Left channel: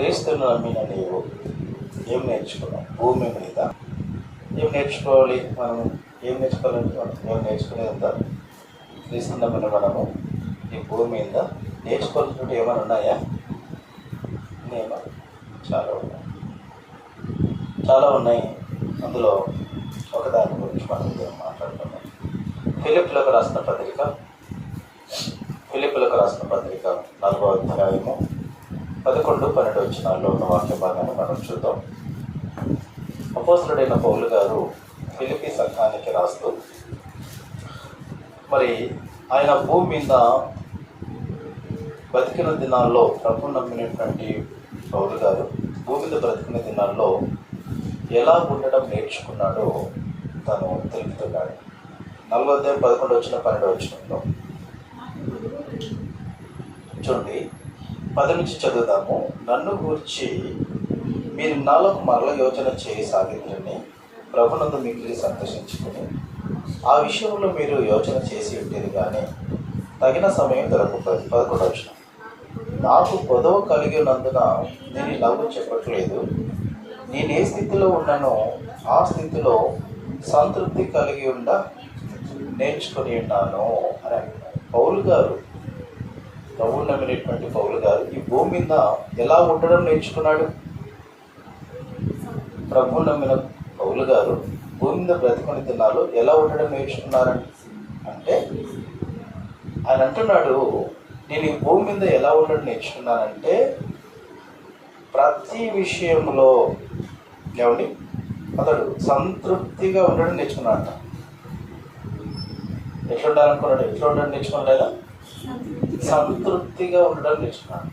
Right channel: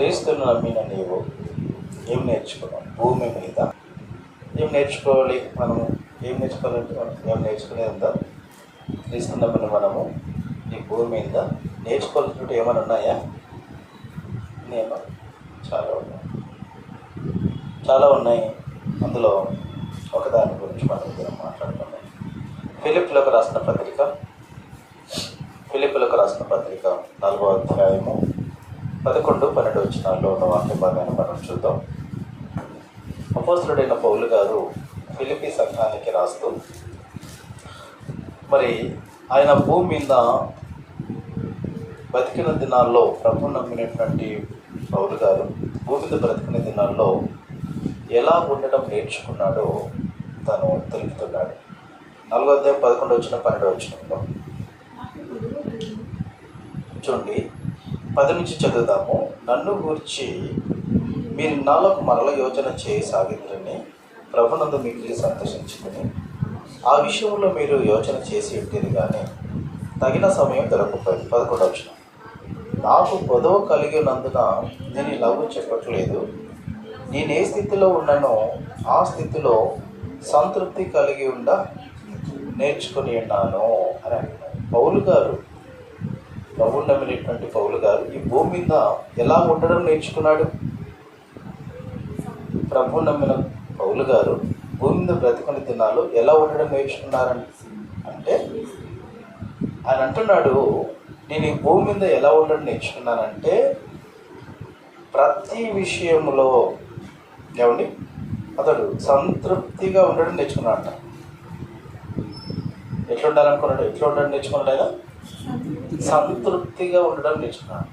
క్రీస్తును నమ్మిన నీవు ఏం నేర్చుకున్నావు? భూమి మీద ఏం నేర్చుకోవాలి? మనము ఏం నేర్చుకోవాలంటే మనం ఏం నేర్చుకునేది ఉందా? క్రీస్తును నమ్మిన మనము ఈ భూమి మీద నేర్చుకోవాల్సినట్టు ఏమైనా ఉన్నాయా? నేను చాలా ఉన్నాయి. అందులో ఒకదాని గురించి మనం మాట్లాడుతున్నాం. ఫిలిప్పులకు రాసిన పత్రిక 4వ అధ్యాయము 11-12 వచనాల్లో ఉన్న వాక్య భాగాన్ని మనం చూద్దాం. అపోస్తలుడైన పౌలు గారు ఫిలిప్పీ సంఘానికి రాస్తూ, మరి ఆయన భూమి మీద బతికిన దినాల్లో, ప్రభు నమ్మినటువంటి పౌలు గారు భూమి మీద బ్రతికిన దినాల్లో ఎలా ఉండడం నేర్చుకున్నాడో తను తెలుపుతున్నాడు. 4వ అధ్యాయం 11-12 వచనంలో చూడండి, 10 నుంచి చదువుదాము. నన్ను గూర్చి మీరు నాలుగు మరల యోచన చేయసాగిద్రని ప్రభునందు మిగిలి సంతోషించుకుని ఆ విషయంలో మీరు యోచన చేసి ఉండేది కానీ తగిన సమయం దొరకకపోయింది. 11వ వచనం, నాకు పొదవ కలిగి ఉన్నందున నేను ఇలాగూ చెప్పట్లేదు. నేను ఏ స్థితిలో ఉన్నానో ఆ స్థితిలో సంతృప్తి కలిగి ఉండ నేర్చుకుని ఉన్నాను అని పౌలు గారు, ప్రభువు నమ్మినటువంటి పౌలు గారు ఈ భూమి మీద ఎలా ఉండడం నేర్చుకున్నాడు? ప్రభువు నమ్మిన పౌలు గారు భూమి మీద బ్రతికుని దినాలు ఎలా ఉండడం నేర్చుకున్నారని అంటే, ఆయన అంటున్నాడు, నేను ఈ భూమి మీద ఎలా ఉండడం నేర్చుకున్నానంటే ప్రతి విషయంలో ఏమండి అతడు సంతృప్తిగా ఉండడం నేర్చుకున్నాడంట. ఎట్లా ఉండాలనుకున్నాడు? ఎట్లా ఉండడం నేర్చుకోలేదా? సంతృప్తిగా ఉండడం నేర్చుకున్నాడు.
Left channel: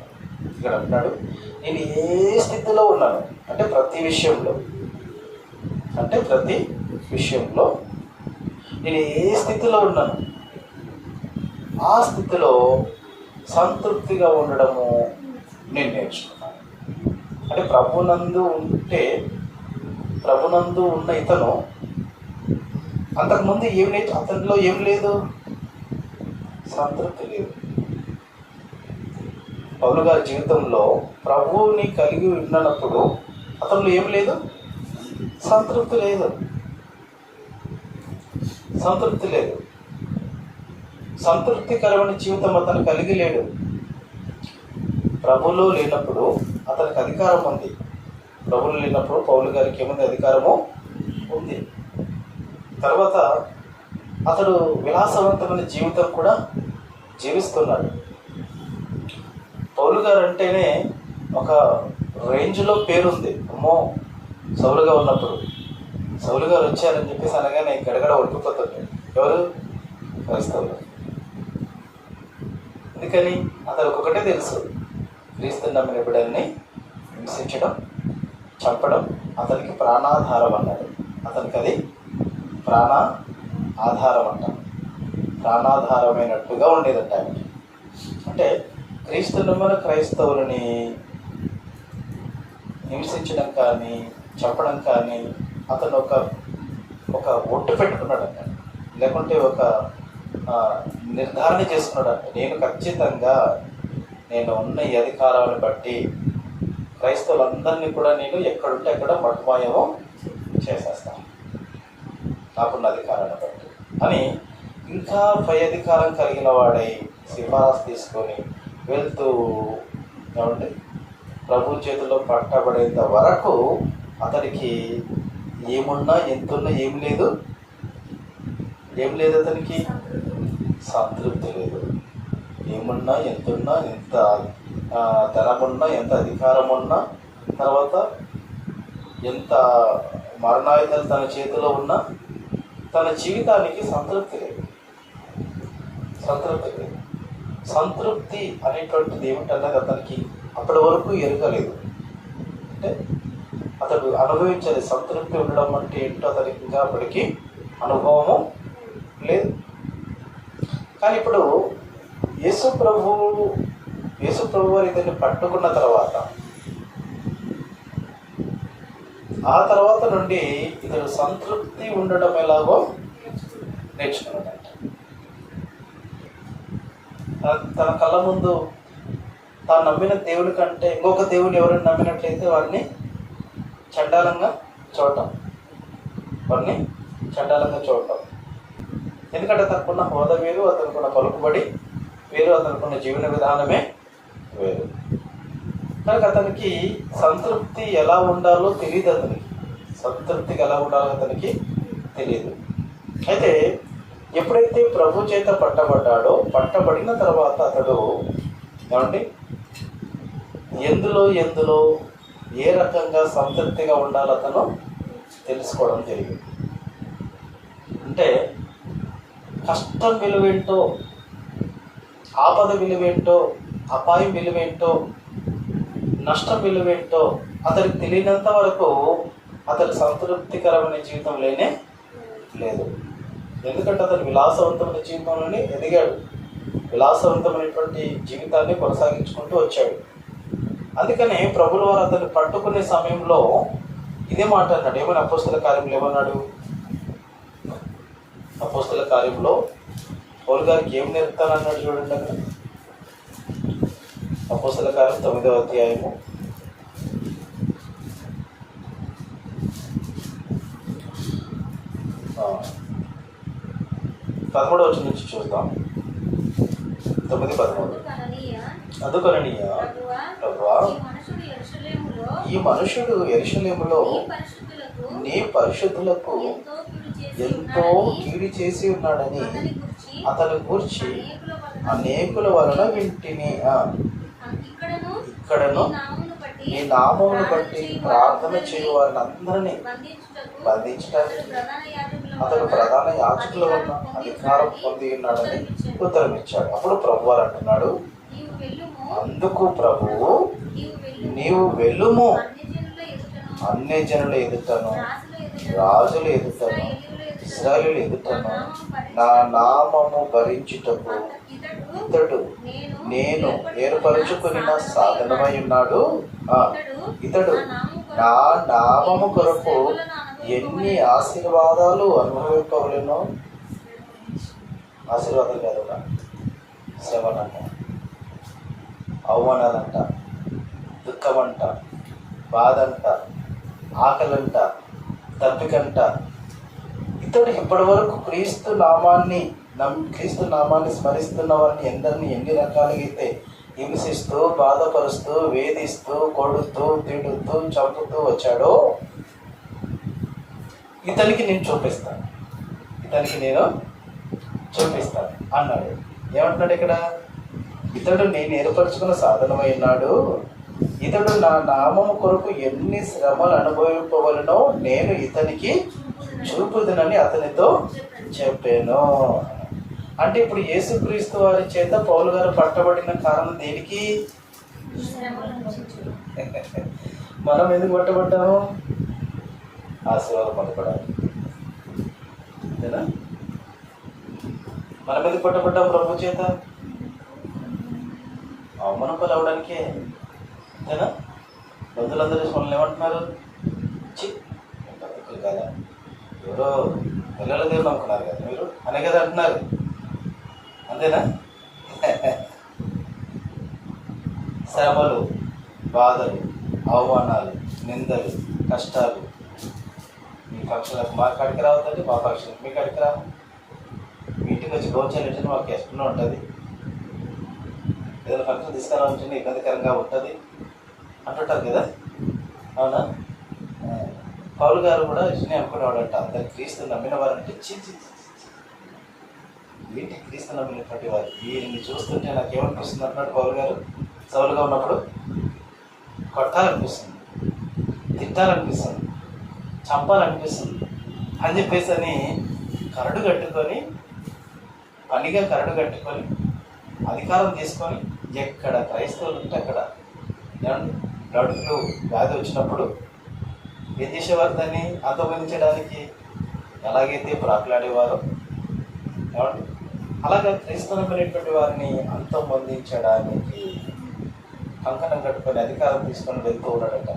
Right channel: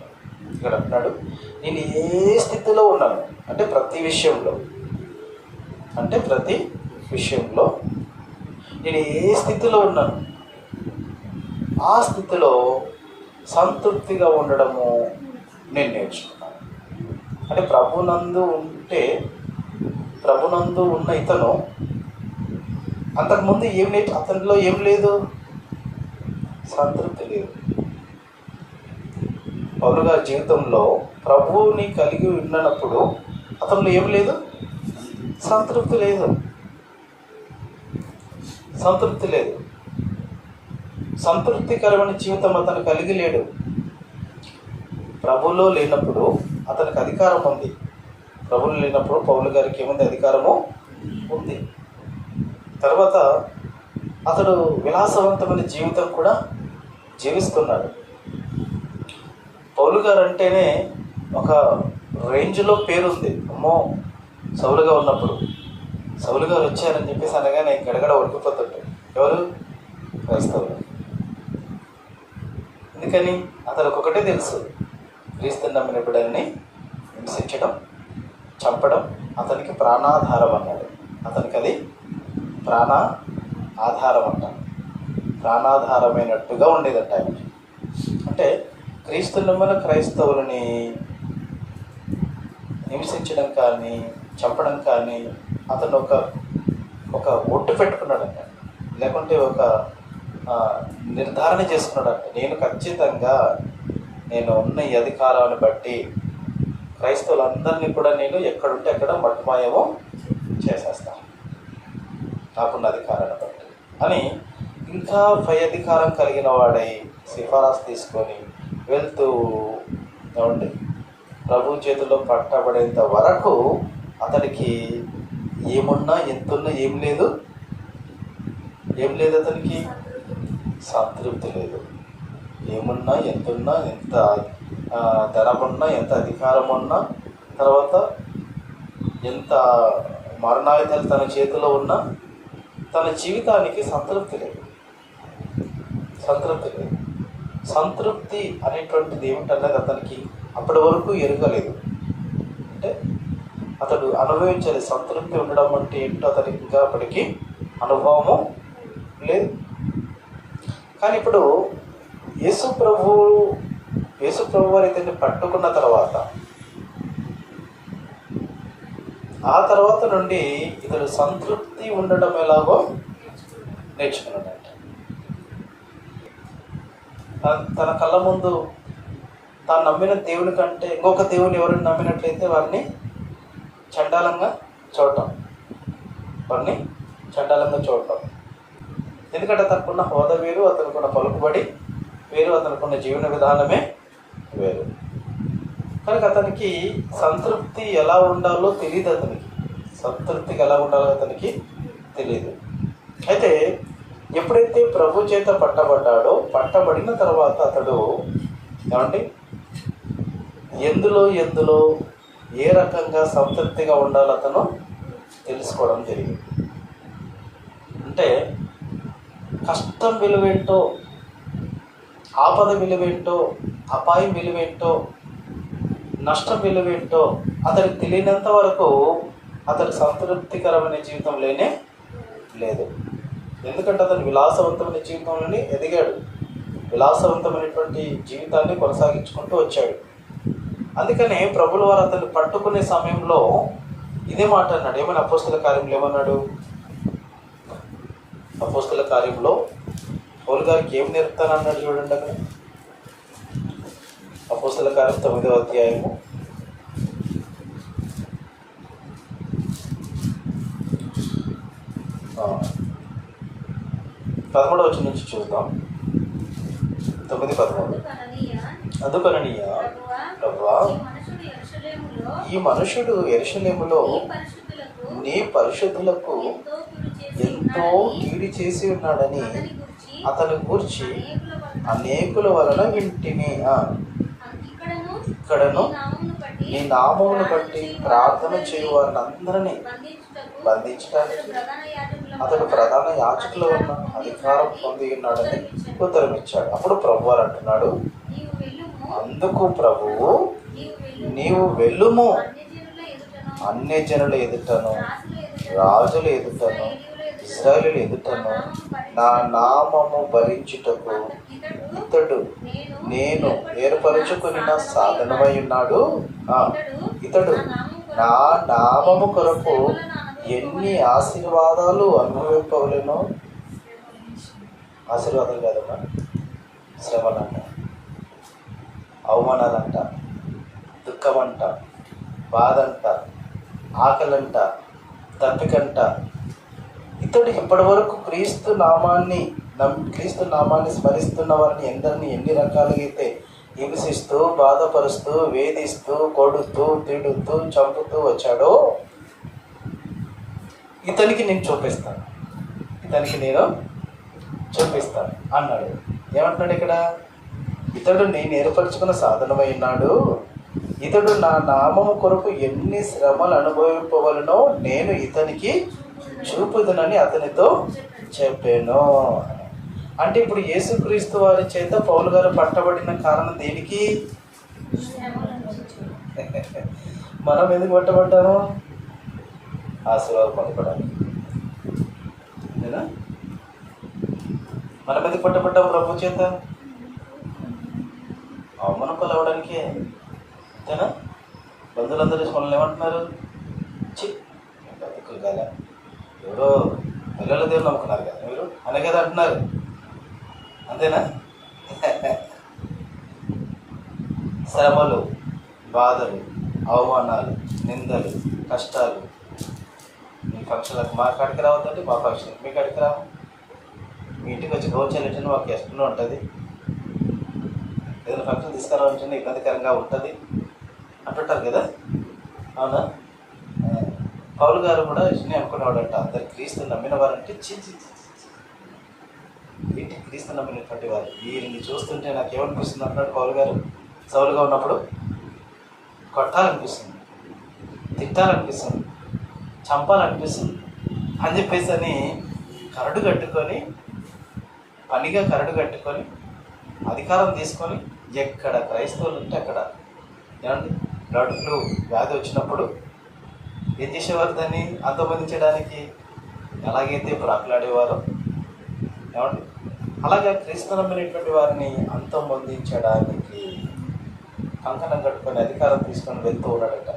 ఇక్కడ అంటున్నాడు, నేను ఏ స్థితిలో ఉన్నాను అంటే ప్రతి విషయంలో నేను ఏ స్థితిలో ఉన్నాను ఆ స్థితిలో సంతృప్తిగా ఉండడము నేను నేర్చుకున్నాను. అంటే ప్రభునందు ఉన్న ఇతను అంతకుముందు అతనిలో ఏం లేదు? సంతృప్తి లేదు. పౌలు గారి జీవితంలో ప్రభువుని కలిగి ఉన్నప్పుడు అతనిలో ఏం లేదు? సంతృప్తి లేదు. సంతృప్తికరమైన జీవితం అతను కలిగి లేడు. ప్రభువులో లేనప్పుడు అతనికి అధికారం ఉంది. ప్రభువులో లేనప్పుడు పౌలు గారికి ఏముంది? అధికారము ఉంది. తర్వాత అతడు విలాసవంతమైన జీవితం కూడా జీవిస్తున్నాడు. పౌలు గారు అంటేనే ఒక రేంజ్లో పేరుంది. అమ్మో, సౌలుగా ఉన్నప్పుడు సౌలు గారు వచ్చారని చెప్పేసి అనగానే గడగడ వణికిపోతుంటాడు. ఎవరు? క్రైస్తవులు. అందుకని అతనికి ఒకటే తెలుసు, క్రీస్తుని నమ్మిన బిడ్డల్ని హింసించడం, చంపడం అతనికి ప్రాణాధారం అన్నాడు. అతనికి అది ఆధారం అంట. ప్రాణాధారమైనట్టుగా ఉండేదంట ఆయనకి. అంటే క్రీస్తు నమ్మిన క్రైస్తవులని హింసించడం కానీ చంపడం కానీ అతను ఒక ఒట్టు పెట్టుకున్నాడంట. లేకుంటే ఒక నిర్ధారణ చేసుకున్నాడంట, నేను ఖచ్చితంగా నేను ఉన్న ఈ అధికారాలను బట్టి క్రైస్తవులందరినీ కూడా నేను ఎక్కడుంటే అక్కడ మట్టుమాయమో చేసేస్తాను నాకున్న అధికారాన్ని బట్టి అని ఇంకా పై అధికారం కలిగిన వాడై సిఫారసు తీసుకొని వెళ్తూ ఏమండి ప్రభు చేతిలో పట్టబడేంత వరకు అతనికి ఏమున్నా ఎంతున్నా ఏం లేదు. అతనికి సంతృప్తి లేదు. ఏమున్నా ఎంతున్నా, ఎంత ధనమున్నా, ఎంత అధికారం ఉన్నా, తర్వాత ఎంత మరణాయుధాలు తన చేతిలో ఉన్నా తన జీవితానికి సంతృప్తి లేదు. సంతృప్తి అనేటువంటిది ఏమిటన్నది అతనికి అప్పటి వరకు ఎరగలేదు. అంటే అతడు అనుభవించాలి. సంతృప్తి ఉండడం అంటే ఏంటో అతనికి ఇంకా అప్పటికి అనుభవము లేదు. కానీ ఇప్పుడు యేసు ప్రభు వారు ఇతన్ని పట్టుకున్న తర్వాత ఆ తర్వాత నుండి ఇతడు సంతృప్తి ఉండడం ఎలాగో నేర్చుకున్నాడంట. తన కళ్ళ ముందు తాను నమ్మిన దేవుని కంటే ఇంకొక దేవుని ఎవరిని నమ్మినట్లయితే వారిని చండాలంగా చూడటం, వారిని చండాలంగా చూడటం. ఎందుకంటే అతనుకున్న హోదా వేరు, అతనుకున్న పలుకుబడి వేరు, అతనుకున్న జీవన విధానమే వేరు. కనుక అతనికి సంతృప్తి ఎలా ఉండాలో తెలియదు. సంతృప్తికి ఎలా ఉండాలో అతనికి తెలియదు. అయితే ఎప్పుడైతే ప్రభు చేత పట్టబడ్డాడో, పట్టబడిన తర్వాత అతడు ఏమంటే ఎందులో ఏ రకంగా సంతృప్తిగా ఉండాలో అతను తెలుసుకోవడం జరిగింది. అంటే కష్టం విలువేంటో, ఆపద విలువేంటో, అపాయం విలువేంటో, నష్టం విలువేంటో అతనికి తెలియనంత వరకు అతను సంతృప్తికరమైన జీవితం లేదు. ఎందుకంటే అతను విలాసవంతమైన జీవితంలోనే ఎదిగాడు, విలాసవంతమైనటువంటి జీవితాన్ని కొనసాగించుకుంటూ వచ్చాడు. అందుకనే ప్రభుల వారు అతన్ని పట్టుకునే సమయంలో ఇదే మాట అన్నాడు. ఏమైనా అపోస్తల కార్యంలో ఏమన్నాడు? అపోస్తల కార్యంలో పౌలు గారికి ఏం నేర్పుతానన్నాడు చూడండి. అక్కడ అపోస్తల కార్యం 9వ అధ్యాయము 13వ వచనం నుంచి చూద్దాం. 9:13. అందుకననీయ ప్రభువా, ఈ మనుషుడు యెరూషలేములో నీ పరిశుద్ధులకు ఎంతో కీడు చేసి ఉన్నాడని అతని గూర్చి అనేకుల వలన వింటిని. ఇక్కడను నీ నామమును బట్టి ప్రార్థన చేయు వారిని అందరినీ బంధించడానికి అతడు ప్రధాన యాజకులు ఉన్న అధికారం పొంది ఉన్నాడని ఉత్తరం ఇచ్చాడు. అప్పుడు ప్రభు వారు అంటున్నాడు, అందుకు ప్రభువు నీవు వెళ్ళుము, అన్ని జనుల ఎదుటను, రాజుల ఎదుటను, ఇశ్రాయేలు ఎదుటను నా నామము భరించుటకు ఇతడు నేను ఏర్పరచుకుని సాధనమై ఉన్నాడు. ఇతడు నా నామము కొరకు ఎన్ని ఆశీర్వాదాలు అనుభవింపవలేనో. ఆశీర్వాదాలు కాదన్నా, శ్రమలంట, అవమానాలంట, దుఃఖమంట, బాధంట, ఆకలంట, తప్పికంట. ఇతడు ఇప్పటి వరకు క్రీస్తు నామాన్ని స్మరిస్తున్న వారిని ఎందరినీ ఎన్ని రకాలుగా అయితే హింసిస్తూ, బాధపరుస్తూ, వేధిస్తూ, కొడుతూ, తిడుతూ, చంపుతూ వచ్చాడో ఇతనికి నేను చూపిస్తాను అన్నాడు. ఏమంటున్నాడు ఇక్కడ? ఇతడు నేను ఏర్పరచుకున్న సాధనమై ఉన్నాడు. ఇతడు నా నామము కొరకు ఎన్ని శ్రమలు అనుభవింపవలనో నేను ఇతనికి చూపుదునని అతనితో చెప్పాను. అంటే ఇప్పుడు యేసుక్రీస్తు వారి చేత పౌలు గారు పట్టబడిన కారణం దేనికి? మనం ఎందుకు పట్టబడ్డాము? ఆశీర్వాదం పొందపడానికి. అంతేనా? మనం ఎందుకు పట్టబడ్డాము ప్రభు చేత? అవమానం పాలవడానికే. అంతేనా? బంధువులందరూ మనల్ని ఏమంటున్నారు? కదా ఎవరో పిల్లల దేవుడు అనుకున్నారు కదా మీరు అనే కదా అంటున్నారు. అంతేనా? శ్రమలు, బాధలు, అవమానాలు, నిందలు, కష్టాలు. మీ పక్షులకు మా కాడికి రావద్దండి, మా పక్షులకు మీ కాడికి రావు. మీ ఇంటికి వచ్చి భోజనం మాకు ఎక్కడో ఉంటుంది. ఏదైనా ఫంక్షన్ తీసుకురావాలంటే ఇబ్బందికరంగా ఉంటుంది అంటుంటారు కదా. అవునా? పౌలు గారు కూడా ఇష్టనే అనుకునేవాడంట. అందరు క్రీస్తు నమ్మిన వారంటే ఏంటి క్రీస్తు నమ్మినటువంటి వారు, వీరిని చూస్తుంటే నాకు ఏమనిపిస్తుంది అంటున్నాడు పౌలు గారు. సౌలుగా ఉన్నప్పుడు కొట్టాలనిపిస్తుంది, తిట్టాలనిపిస్తుంది, చంపాలనిపిస్తుంది అని చెప్పేసి అని కరడు కట్టుకొని, పనిగా కరడు కట్టుకొని, అధికారం తీసుకొని ఎక్కడ క్రైస్తవులు ఉంటే అక్కడ ఏమండి నడుపులు వ్యాధి వచ్చినప్పుడు ఏం చేసేవారు? దాన్ని అంతమొందించడానికి ఎలాగైతే ప్రాకులాడేవారో ఏమండి అలాగే క్రీస్తు నమ్మినటువంటి వారిని అంతమొందించడానికి కంకణం కట్టుకొని అధికారం తీసుకొని వెళ్తూ ఉన్నాడట.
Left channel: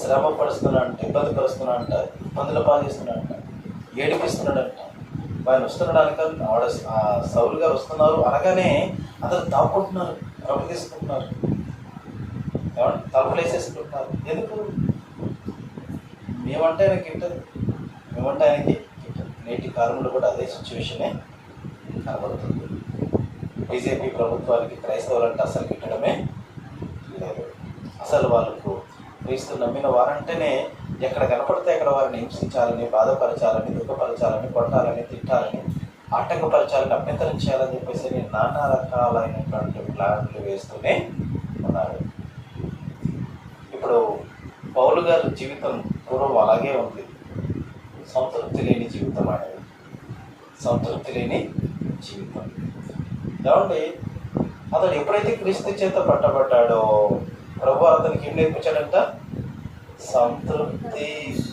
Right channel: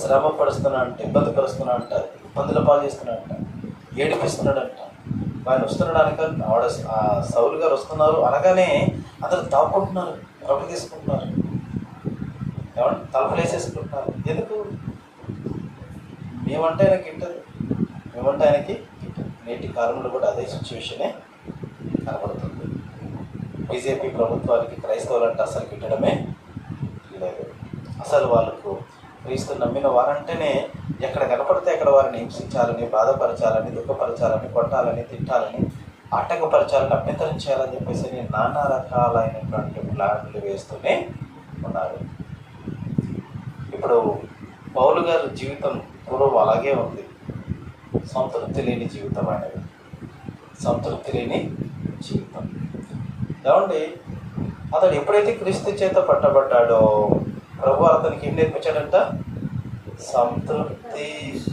శ్రమ పరుస్తున్నాడంట, ఇబ్బంది పరుస్తున్నాడంట, ఇబ్బందుల పాలు చేస్తున్నాడంట, ఏడిపిస్తున్నాడంట. ఆయన వస్తున్నాడు అనగా సౌలు గారు వస్తున్నారు అనగానే అందరూ దాక్కుంటున్నారు, ప్రభు తీసుకుంటున్నారు, ఏమంటే తలపలేసేసుకుంటున్నారు. ఎందుకు? మేమంటే ఆయనకి ఇంటది, మేమంటే ఆయనకి ఇంటది. నేటి కాలంలో కూడా అదే సిచ్యువేషనే కనబడుతుంది. బీజేపీ ప్రభుత్వానికి క్రైస్తవులంటే అసలు గిట్టడమే లేదు. అసలు వాళ్ళకు క్రీస్తు నమ్మిన వారంటేనే ఎక్కడ కనపడితే అక్కడ వారిని హింసించాలని, బాధపరచాలని, దుఃఖపరచాలని, కొట్టాలని, తిట్టాలని, ఆటంకపరచాలని, అభ్యంతరం చేయాలని చెప్పేసి నానా రకాలైనటువంటి ప్లాన్లు వేస్తూనే ఉన్నారు. ఇప్పుడు పౌలు గారి జీవితం పూర్వం అలాగే ఉంది. సంతృప్తి లేని జీవితం అనేది, సంతృప్తి లేని జీవితం. ఏమండి, అతడు ఎప్పుడైతే క్రీస్తు చేత పట్టబడ్డాడో ప్రభు అతనికి ఏం నేర్పించాడంట? సంతృప్తి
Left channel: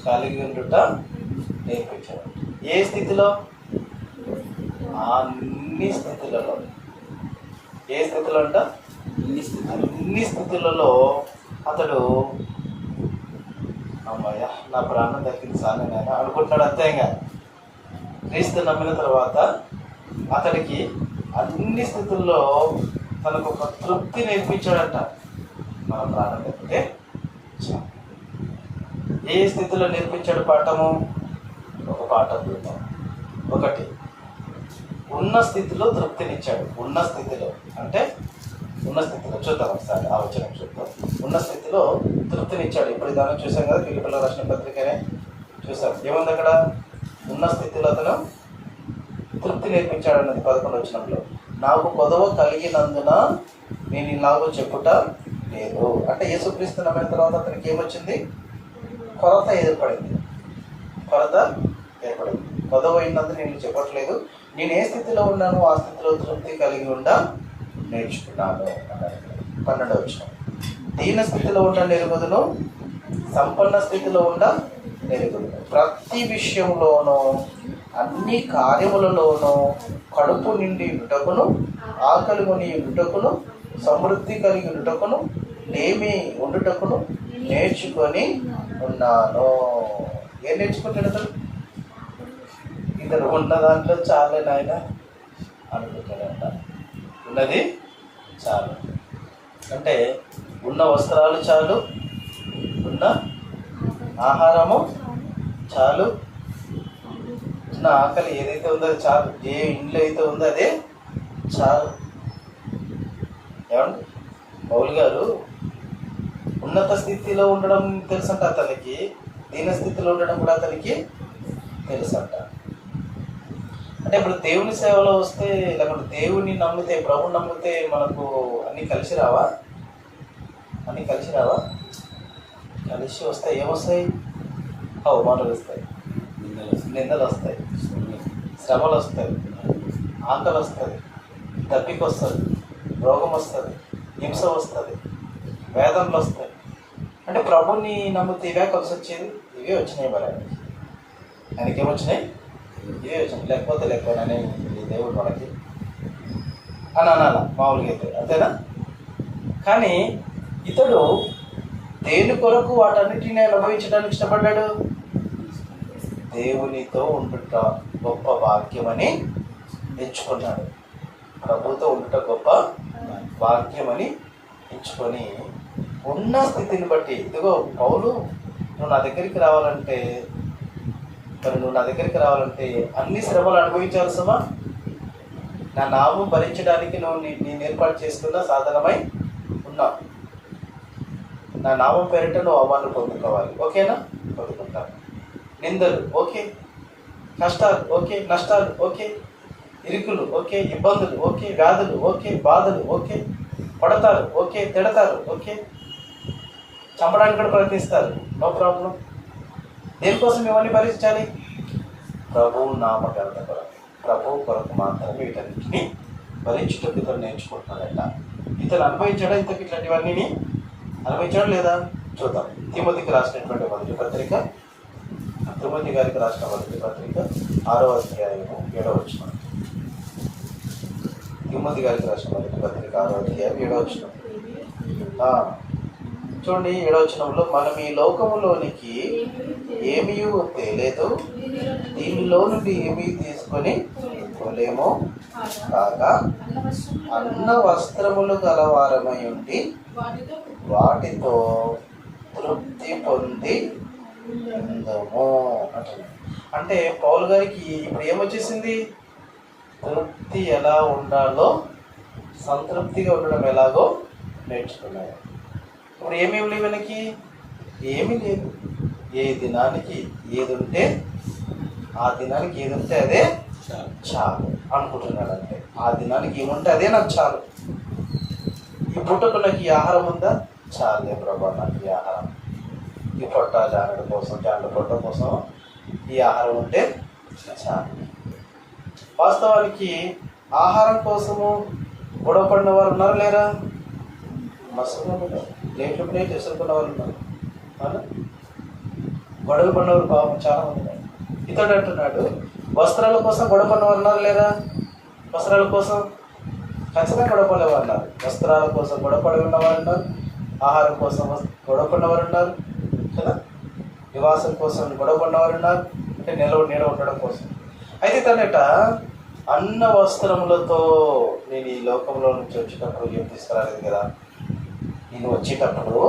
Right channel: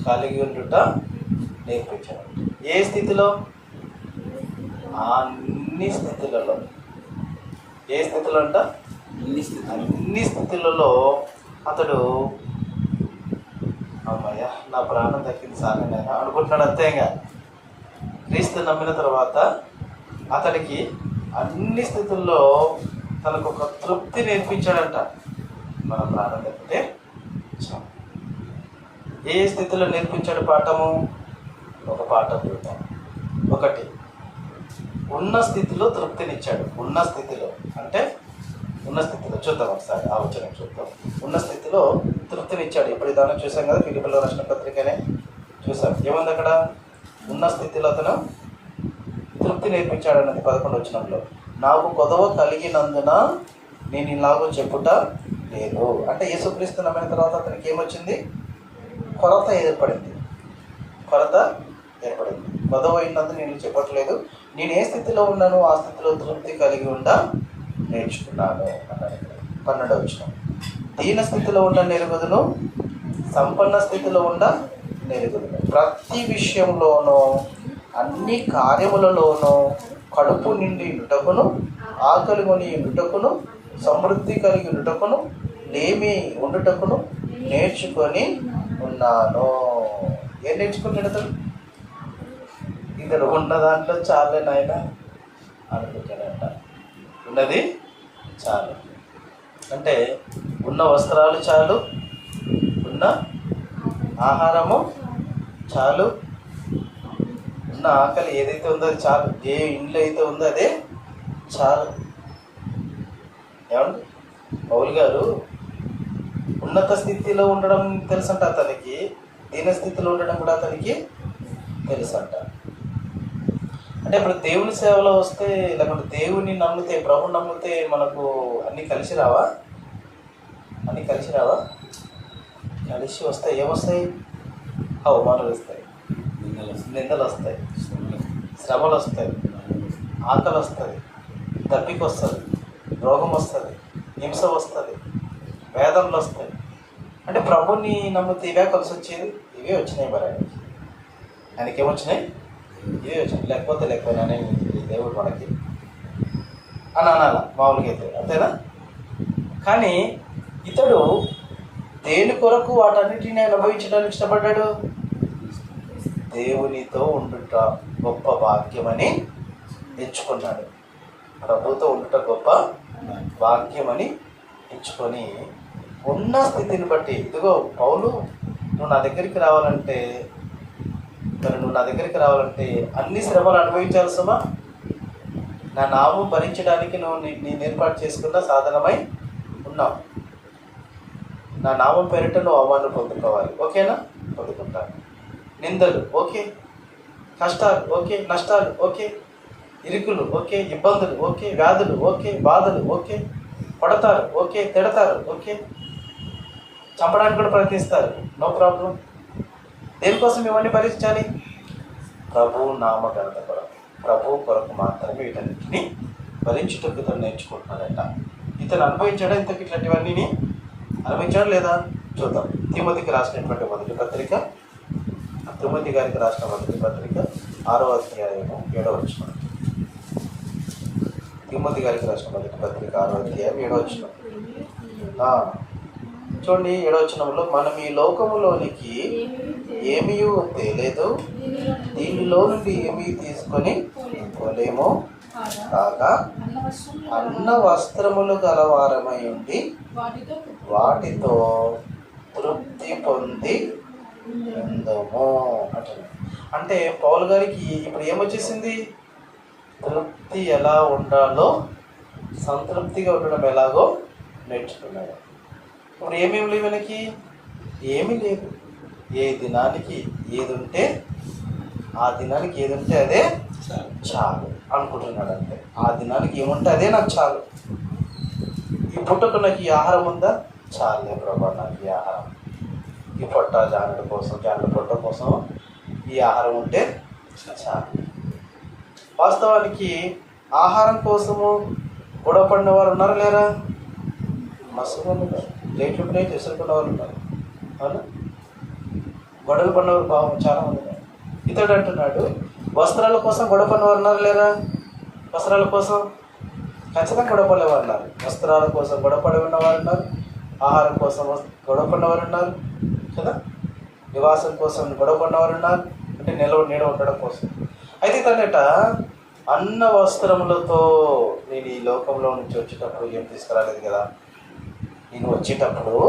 కలిగి ఉండుట నేర్పించాడు. ఏ స్థితిలో? అన్ని స్థితులలో. ఏ స్థితిలో అంట? అన్ని స్థితులలో అతడు అమ్మయ్య నా ప్రాణం దక్కింది సాధన అనుకుంటున్నాడు. అంతే. ఇంకా క్రీస్తు నమ్మిన తర్వాత అతడికి అన్ని స్థితుల్లో తనకు ఒక తృప్తి నేర్పించాడంట. మన ప్రాణం దక్కితే చాలు. ఏ స్థితిలో నేర్పించాడు పాఠము? ఒక పాఠం చూద్దాం. ఒకటి, ఉన్న స్థితిలో తృప్తినిచ్చాడు. ఉన్న స్థితిలో అంటే ఉన్న స్థితిలో చూద్దాం, ఒకసారి ఆలోచన చూద్దాం. ఉన్న స్థితిలో తృప్తినిచ్చాడు. ఇప్పుడు దాన్ని చూసాం కదా, ఫిలిప్పీయులకు రాసిన పత్రికనే చూసాం. ఏముంది అక్కడ? ఉన్న స్థితిలో అతను తృప్తి నేర్పించాడు అన్నది 11వ వచనంలో. నాకు కొదవ కలిగినందున నేను ఇలాగో చెప్పుట లేదు అంటే యేసుక్రీస్తు నమ్మిన తర్వాత అతనికి ఏమొచ్చింది? కొరత ఏర్పడింది. కొరత ఏర్పడింది. కొదవ అయినందున నేను చెప్పట్లేదు, నేను ఏ స్థితిలో ఉన్నానో ఆ స్థితిలో తృప్తి కలిగి ఉండా నేర్చుకున్నాను అన్నాడు. 12వ వచనం. దీన స్థితిలో ఉండ నెరుగుదును, సంపన్న స్థితిలో ఉండ నెరుగుదును. ప్రతి విషయంలోనూ అన్ని కార్యములలోనూ కడుపు నిండి ఉండుటకును, ఆకలి కొని ఉండుటకును, సమృద్ధి కలిగి ఉండుటకును, లేమి ఉండుటకును నేర్చుకొని ఉన్నాను. ఏం నేర్చుకుంటాడు అతను? ఇద్దరు ఉన్న దాంట్లో చాలే నాయన అనుకుంటాడంట. ఉన్నది చాలు అంటే ఉన్న వస్త్రాలు చాలు, ఉన్న ఆహారము చాలు, ఉన్న ఆకలి ఏదైతే ఉందో అది చాలు, ఏ ఇంట్లో అయితే ఉందో అదే చాలు. ఏమండి, పౌలు గారు ఉన్నత స్థితిలో ఉండడం తెలుసంట అతనికి, దీన స్థితిలో ఉండడం కూడా అతనికి తెలుసంట. అంటే ఇప్పుడు దేవుని సేవలో వస్తే, లేకపోతే దేవుని నమ్మితే, ప్రభుని నమ్మితే మనకు అన్నీ కలిసి రావా? అన్నీ కలిసి రావా? కలిసి వస్తాయి. ఏమొస్తాయి? అవమానాలు వస్తాయి, నిందలు వస్తాయి, శ్రమలు వస్తాయి, ఆకలి వస్తుంది, దప్పిక వస్తుంది, రోగం వస్తుంది, హింస వస్తుంది, వేదనలు వస్తాయి. అంటే ప్రభుని నమ్మితే ఇవే కలిసి వచ్చేది. ఇవే వచ్చినాయి. మరి ఆయనకి ఏమొచ్చినాయి? ఇవే వచ్చినాయి. లేకపోయినా దేవుడు మనకి అని అనాల మామూలుగా అయితే, అంతేనా? కానీ ఇతడు దేని కొరకు వాటన్నిటిని అనుభవించడానికి ఇష్టపడ్డాడు? దేవునితో ఉండుట గొప్ప భాగ్యమని ఎంచుకున్నాడు. ప్రభుతో ఉండుట గొప్ప భాగ్యమని ఎంచుకొని ఉన్న స్థితిని బట్టి, ఇదిగో పౌలు నువ్వు నా దగ్గరికి రావాలంటే, మరి నువ్వు నా దగ్గరికి రావాలంటే అన్ని శ్రమలు అనుభవించాల్సమా? నా నామం భరించడానికి నువ్వు నేను ఏర్పాటు చేసుకున్న సాధనమై ఉన్నావు. నా నామం పేరిట నువ్వు అవమానం పొందుకోవాలి. ఓకేనా? పొందుకుంటాను. నిందలు ఓకే, కష్టాలు ఓకే, నష్టాలు ఓకే, ఇరుకులు ఓకే, ఇబ్బందులు ఓకే, వ్యాధులు ఓకే, బాధలు ఓకే, పడతారు ఓకే, తిడతారు ఓకే, చంపడానికి కూడా ప్రయత్నిస్తారు, నో ప్రాబ్లం. దేనికోసం ఇవన్నీ భరించాలి? ప్రభు నామ ఘనత కొరకు, ప్రభు కొరకు మాత్రమే వీటన్నింటినీ భరించుటకు ఇతను నేర్చుకుంటున్నాడంట. ఇతను అనుభవించాడా? ఇంతకు ఇట్లాంటివన్నీ అనుభవించాడు లేదా? చూద్దాం. తిమోతికి రాసినటువంటి మొదటి పత్రిక, తిమోతి గారికి రాసిన మొదటి పత్రిక 6వ అధ్యాయము 7వ వచనం. తిమోతి గారికి రాసిన మొదటి పత్రిక 6వ అధ్యాయం 7వ వచనం. చూడండి, 7వ వచనంలో, మనం ఈ లోకములోనికి ఏమీ తేలేదు, దీనిలో నుండి ఏమీ తీసుకొని చేసుకోలేము కాగా అన్న వస్త్రములు గలవారమై ఉండి వాటితో తృప్తి పొంది ఉందము అంటున్నాడు. అంటే పౌలు గారికి ఇప్పుడు ఏమొచ్చేసింది? తృప్తి ఎలా ఉండాలో, సంతృప్తిగా ఉండడం ఎలాగో నేర్చుకున్నాడు. ఇప్పుడు ఏమేమి లేవు వెనక్కి? ఏమీ లేదు. ఏ దినానికి ఏది ఉంటే ఆ దినానికి ఏది ఉంటే అదే చాలు అనుకుంటున్నాడు. అంటే ఆ దినానికి ఏముంటే అదే నాకు చాలు. ఈ పుట్టకు నాకు ఈ ఆహారం ఉందా? చాలే ప్రభా, నాకు ఈ ఆహారం, ఈ పొట్ట జానడు కోసం, జానడు పొట్ట కోసం ఈ ఆహారం ఉంటే చాలు. వాస్తవానికి ఆహారం కోసము గొడవ పడిన వారు ఉన్నారు లేరా? మస్తుగా ఉన్నారు. లేకుంటే ఎసురుకున్న వాళ్ళు ఉన్నారు. అవునా? గొడవలు పడినవారు పాపం చాలా మంది ఉన్నారు. ఇతడు అంటున్నాడు, వస్త్రాల కోసం గొడవ పడినవారు ఉన్నారు లేరా? వస్త్రాల కోసం ఖచ్చితంగా గొడవ పడేవారు ఉన్నారు. వస్త్రాల కోసం గొడవ పడి ఉన్నవారు ఉన్నారు, ఆహారం కోసం గొడవ పడినవారు ఉన్నారు కదా, నివాసం కోసం గొడవ పడినవారు ఉన్నారు, అంటే నీడ ఉండడం కోసం. అయితే తనట అన్న వస్త్రములతో నేను ఈ లోకంలో నుంచి వచ్చేటప్పుడు ఏం తీసుకురాలేదు కదా. నేను వచ్చేటప్పుడు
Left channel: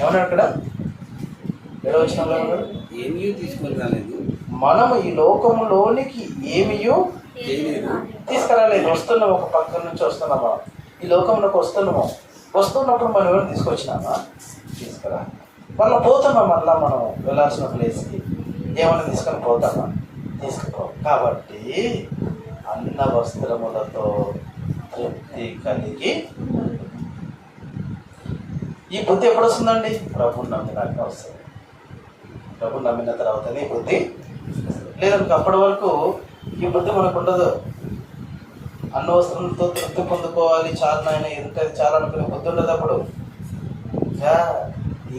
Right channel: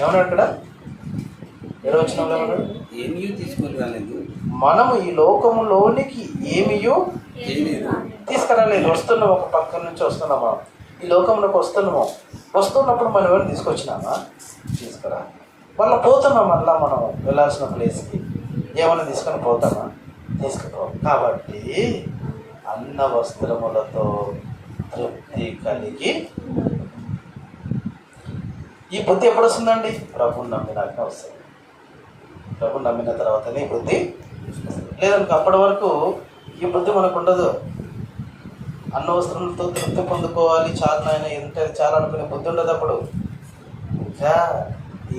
ఏమన్నా అక్కడ ఏమీ తీసుకొని రాలేదు. మనం ఈ లోకంలోనికి ఏమీయో తీసుకురాలేదు. వస్తున్నాము, ఒక పక్క నుంచి వస్తున్నామా, ఈ లోకంలోకి వస్తున్నప్పుడు మనం ఏమైనా తీసుకొచ్చినామా? తీసుకురా. మళ్ళీ పోతున్నాం, మళ్ళీ మనం వెళ్ళాల్సిన ప్లేస్కి ఏమైనా తీసుకొని పోతామా? తీసుకుపో. కాబట్టి అన్న వస్త్రములతో తృప్తి కలిగి, ఈ బుద్ధి ఎప్పుడు వస్తుందండి? ప్రభుని నమ్మినాక వస్తుంది. ప్రభుని నమ్మిన తర్వాతనే ఈ బుద్ధి. లేదంటే అప్పటి వరకు ఈ బుద్ధి మనకు ఉండదు. అన్న వస్త్రంతో తృప్తి పొందుకోవాలి, చాలా నాయన ఎంత చాలా అనుకునే బుద్ధి ఉండదు. అప్పుడు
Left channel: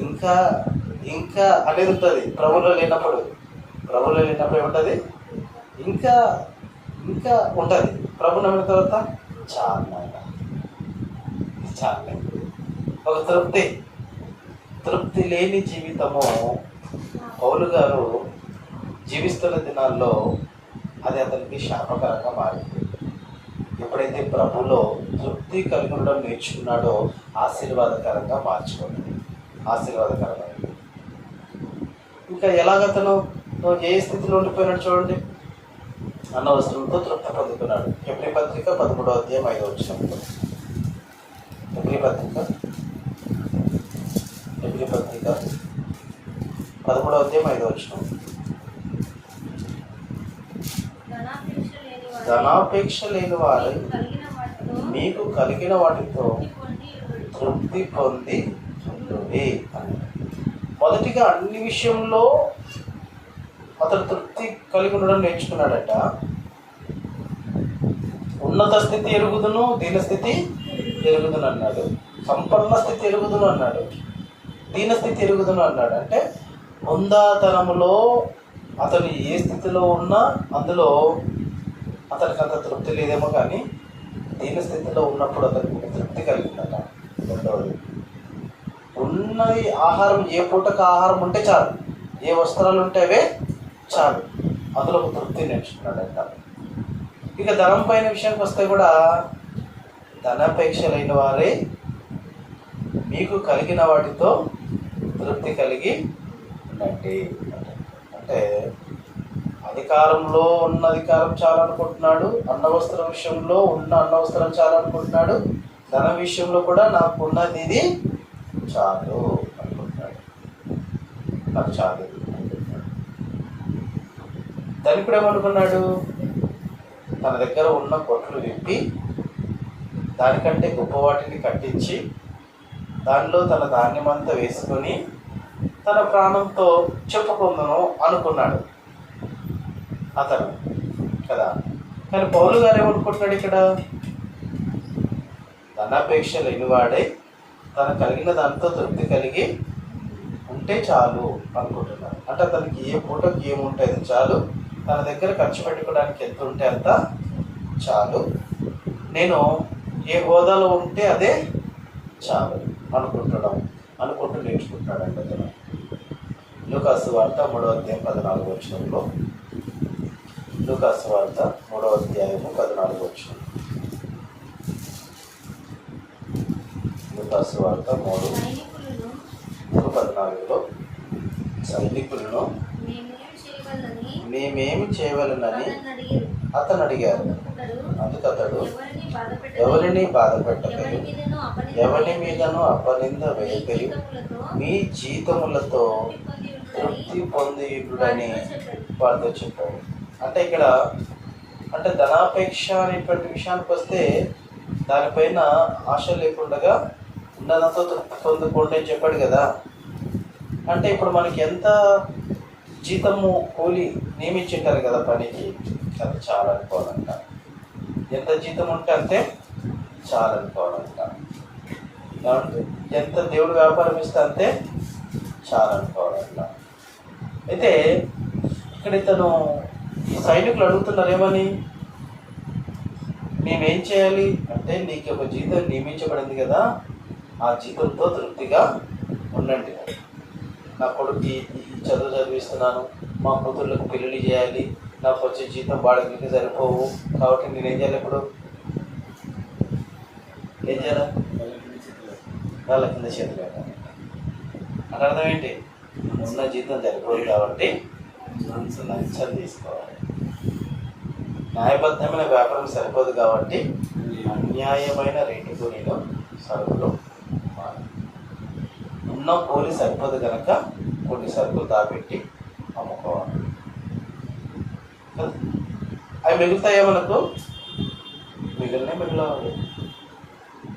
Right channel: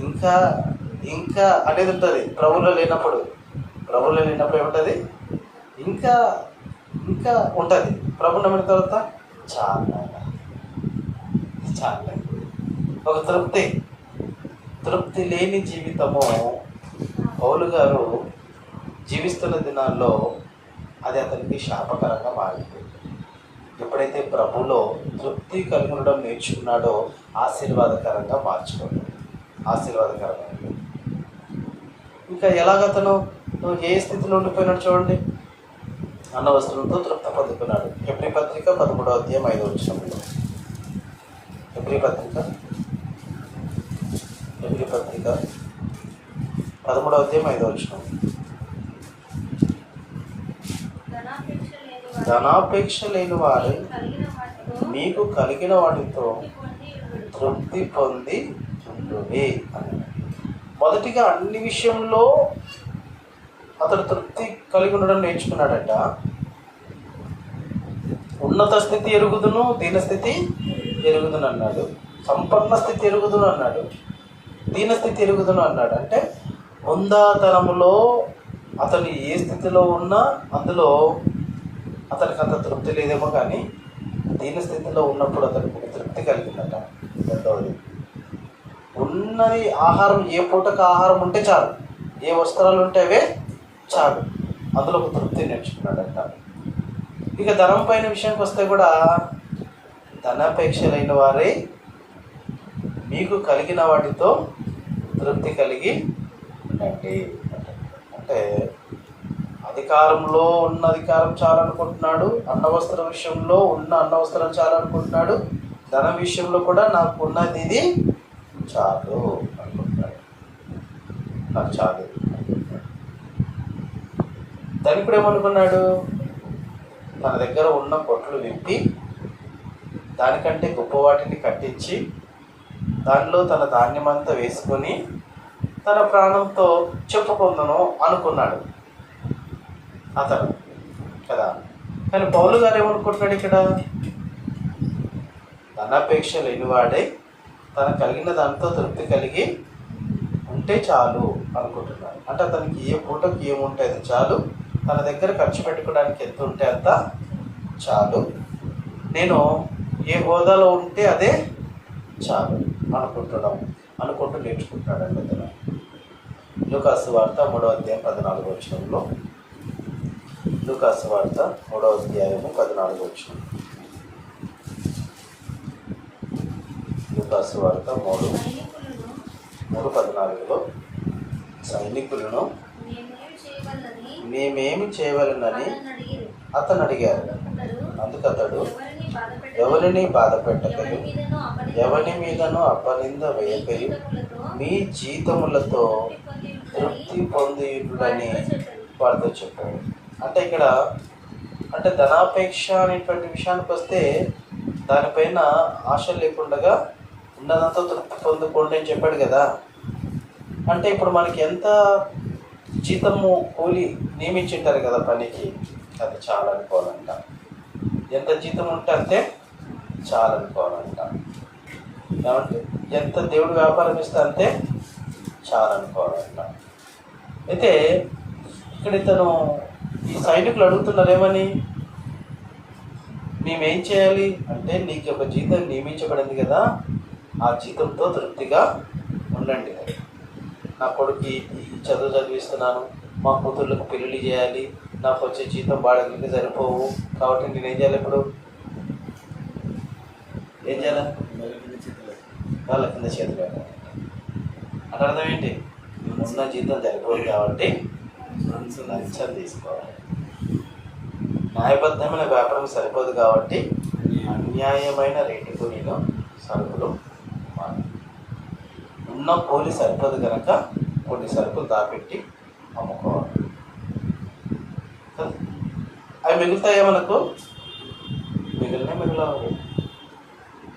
ఇంకా ఇంకా అనేది ఉంటుంది. ప్రభులో లేనప్పుడు ఏముంటుంది? ఇంకా ఇంకా ఉంటుంది. ప్రభు నమ్మిన తర్వాత చాలా ఒక తృప్తి లేని జీవితము పౌలు గారు జీవిస్తున్న దినాల్లో అది అతనికి శాపకరంగా మారింది. ఎప్పుడైతే ప్రభులో తృప్తి కలిగి ఉండడం నేర్చుకున్నాడో ఆశీర్వాదకరంగా మార్చుకోండి. ఆశీర్వాదకరంగా ఇంకా ఎలాగతను ఏ స్థితిలో ఉండిపోయినాడు చూడండి. అన్న వస్త్రంతో తృప్తి పొందుకున్నాడు. ఎబ్రీ పత్రిక 13వ అధ్యాయం 5వ వచనంలో. ఎబ్రీ పత్రిక 13వ అధ్యాయం 5వ వచనం. ధనాపేక్ష లేని వారు మీకు కలిగిన వాటితో తృప్తి పొంది ఉండుడి అని. మొదటిగా అన్ని విషయంలో అతడు తృప్తి కలిగి ఉండడం నేర్చుకున్నాడట. ఉన్నత స్థితి ఎరుగుదును, దీనస్థితి ఎరుగుదును అన్నాడు. సంపన్న స్థితి ఎరుగుదును అన్నాడు, దీనస్థితి ఎరుగుదును అన్నాడు. అంటే హుందాతనములో అతను ఏ స్థితిలో ఉన్నా అందులో అతనికి అంత తృప్తి లేదేమో, కానీ దీనస్థితిలో ఉన్నప్పుడు అతనికి తృప్తి కలిగిందట. రెండవది, ఉన్నది ఆహారం, ఏ పూటకు ఆహారం ఉంటే చాలు, ఏ వస్త్రాలు ఉంటే అవే చాలు, అందులో ఒక తృప్తి నేర్చుకున్నాడంట. ఇక ధనం పైన విషయానికి వస్తే కూడా ధనాపేక్షలైన వారే మీకు కలిగిన వాటితో తృప్తి కలిగి ఉండండి. అంటే అధికారంలో ఉన్న అధికారం చాలనుకుంటున్నాడు, అన్నవస్త్రం విషయంలో ఉన్న అన్నవస్త్రం చాలనుకుంటున్నాడు, ధన విషయంలో కూడా నాకు ఉన్నది ఇది చాలు అనుకుంటున్నాడు. నాకు చాలు. ధనికుడు ఏమనుకున్నాడు? తన దగ్గర ఉన్న కొట్లు విప్పి దానికంటే గొప్ప వాటిని కట్టించి దానిలో తన ధాన్యమంతా వేసుకొని తన ప్రాణంతో చెప్పుకుందును అనుకున్నాడు అతను కదా. కానీ పౌలు గారు ఏమనుకుంటున్నాడు ఇక్కడ? ధనాపేక్ష లేనివాడై తన కలిగిన దాంతో తృప్తి కలిగి ఉంటే చాలు అనుకుంటున్నాడు. అంటే అతనికి ఏ పూటకి ఏముంటే అది చాలు, తన దగ్గర ఖర్చు పెట్టుకోవడానికి ఎంత ఉంటే అంత చాలు, నేను ఏ హోదాలో ఉంటే అదే చాలు అనుకుంటూ నేర్చుకుంటున్నాడు అతను. లూకాసు వార్త 3వ అధ్యాయం 14వ వచనంలో లూకాసు వార్త 3వ అధ్యాయము 14 వచనం. లూకాసు వార్త 3:14లో సైనికులను మేమేమి చేయవలనని అతను అడిగారు. అందుకు అతడు ఎవరిని బాధ పెట్టకయు ఎవరి మీదను అపనింద వేయకయు మీ జీతములతో తృప్తి పొందియుడని వారితో చెప్పారు. అంటే ఇక్కడ ధనాపేక్ష అనేటువంటి విషయానికి వస్తే దానిపైన ఆశ లేకుండా ఉన్నదంతా తృప్తి పొందుకోండి అని చెప్పాడు కదా. అంటే ఇప్పుడు మనకి ఎంత జీతము కూలి నియమించుంటారు కదా పనికి, అది చాలా అనుకోవాలంట. ఎంత జీతం ఉంటే అంతే చాలా అనుకోవాలంట. ఏమంటే ఎంత దేవుడు వ్యాపారం ఇస్తే అంతే చాలా అనుకోవాలంట. అయితే ఇక్కడ ఇతను ఈ సైనికులు అడుగుతున్నారు ఏమని, మేమేం చేయాలి అంటే నీకు ఒక జీతం నియమించబడింది కదా, ఆ జీతంతో తృప్తిగా ఉండండి. నా కొడుకు చదువు చదివిస్తున్నాను, మా కూతుర్లకు పెళ్లి చేయాలి, నాకు వచ్చే జీతం బాడకి సరిపోవు, కాబట్టి నేనేం చేయాలి? ఇప్పుడు ఏం చేయాలి? వాళ్ళ కింద చేతులు పెట్టాలి. అంటే అర్థం ఏంటి? ఉన్న జీతం సరిపోదు కాబట్టి లంచం తీసుకోవాలి. న్యాయబద్ధమైన వ్యాపారం సరిపోదు కాబట్టి అన్యాయమైన రేటుకు నేను సరుకులు ఉన్న కూలి సరిపోదు కనుక కొన్ని సరుకులు దాపెట్టి అమ్ముకోవాలి. అవి మిగులుతాయో మనకు? మిగిలినవి.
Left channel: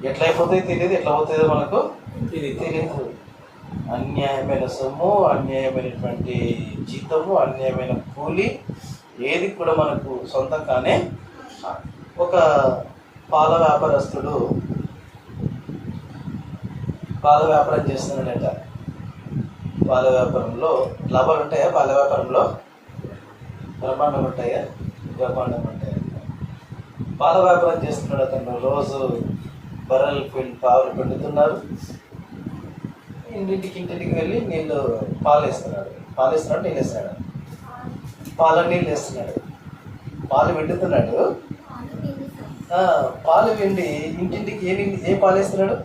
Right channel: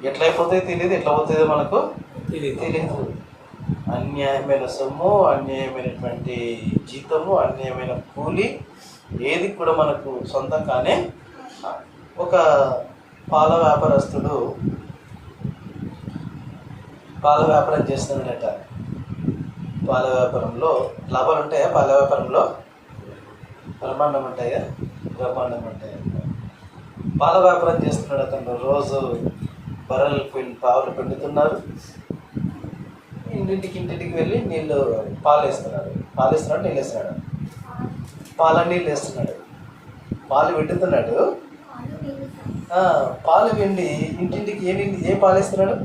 ఎట్లా అయిపోతాయో తెలియదు, ఎట్లా అవుతుందో మనకు తెలియదు. అన్యాయమైన సొమ్ము, అన్యాయమైనటువంటి జీతము, అన్యాయమైన కూలి ఏది కూడా మనకు సొంతం కానే. ఒక పాల వ్యాపారస్తుడు పాల వ్యాపారం చేస్తున్నాడట. పాల వ్యాపారంలో లాభాలు ఉంటాయా? పాల వ్యాపారంలో బ్రహ్మాండం ఉంటాయా? బ్రహ్మాండం ఉంటాయా? పాల వ్యాపారం చేస్తున్నాడు అతను. రోజు బర్రెలు పాలు పిండుతున్నారు. ఇంటింటికి వెళ్ళి నీళ్ళు పాలు వేస్తున్నాడు. నీళ్ళు వేస్తున్నాడు. నీళ్ళు వేస్తున్నాడు. పాలు పిండుతున్నాడు. పాలు పిండి ఇంటింటికి ఏ పాలు వేస్తున్నాడు?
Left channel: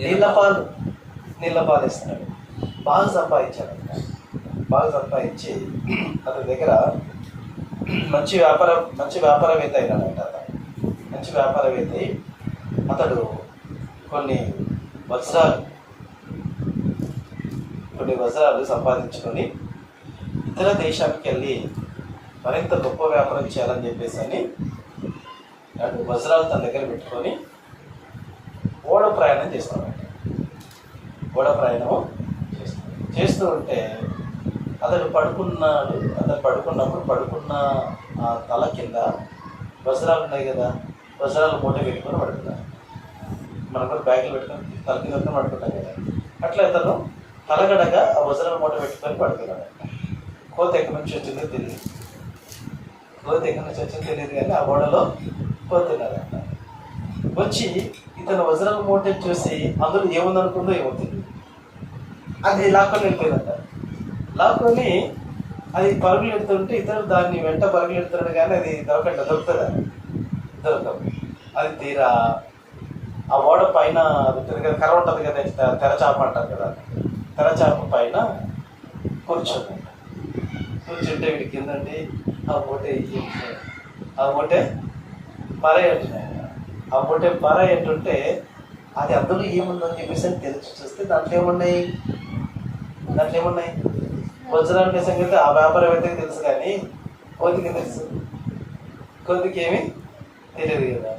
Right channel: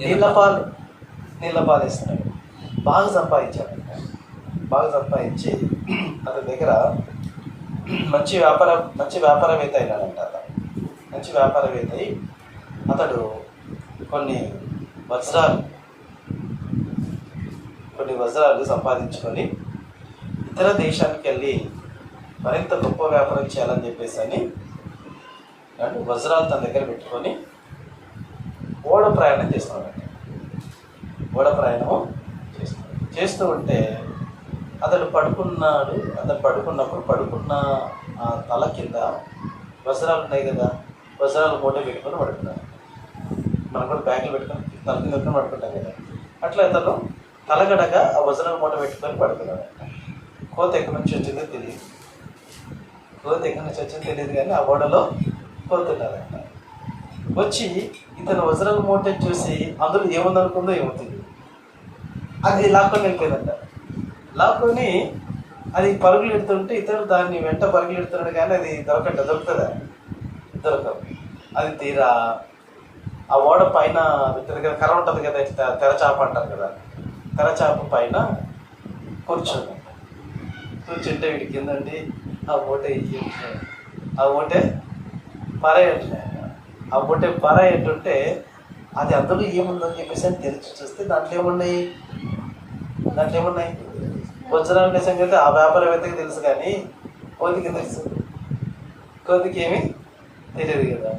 నీళ్ళ పాలు వేస్తున్నాడు. బాగా సంపాదించాడు. సంపాదించి అతని దగ్గర మంచి వ్యాపారవేత్త అయినాడంట. మంచి వ్యాపారవేత్త అయి అతడు కొన్ని వజ్రాలు సంపాదించుకొని ఇతర దేశానికి వెళ్ళి మరింత గొప్ప వ్యాపారం చేయాలని చెప్పేసి అని వజ్రాలు తన దగ్గర పెట్టుకొని ఓడ ప్రయాణం చేస్తున్నాడు. చేస్తూ ఉంటే అతడు పడుకున్నప్పుడు పడుకున్న తల కింద వజ్రాలు ఉన్నాయి కదా, వజ్రాలు మూట పెట్టుకొని పడుకున్నాడు. మనం కూడా బ్యాగులు పెట్టుకొని తల కింద పెట్టుకొని పడుకుంటాం కదా, అట్లా అతను తలగడగా ఆ వజ్రాల మూట పెట్టుకొని పడుకున్నాడు. కోత ఎక్కడి నుంచి వచ్చిందో తెలియదు కానీ ఆ ఓడలో కోతున్నదంట. వచ్చి ఇతను వజ్రాల మూట చూసి అందులో ఏముందనుకుందో ఏమవుతుంది, అది లాక్కొని వెళ్ళిపోయిందంట. లాక్కొని అది పరుగులు ఎడుతుంటే ఇతరులు దాన్ని వెంట పరుగులు ఎడుతున్నాడు కానీ అది దొరుకుతుందా? దొరకదు. అది తీరా ఆ ఓడ పైన కర్ర ఉంటుంది కదా, తెరచాప అంటారు కదా, తెరచాప పైన కూర్చుంటే వీడికి కిందండి ఆ మూటే పరాయంటుంటే అది అందులో ఏముందని చెప్పేసి అని తెలిసి చూస్తే దాంట్లో ఏమున్నాయి వజ్రాలు అనే సంగతి ఆ వ్యాపారవేత్తకి తెలుసు కానీ కోతికి తెలుసు? కోతికి ఏమీ తెలియదు కదా.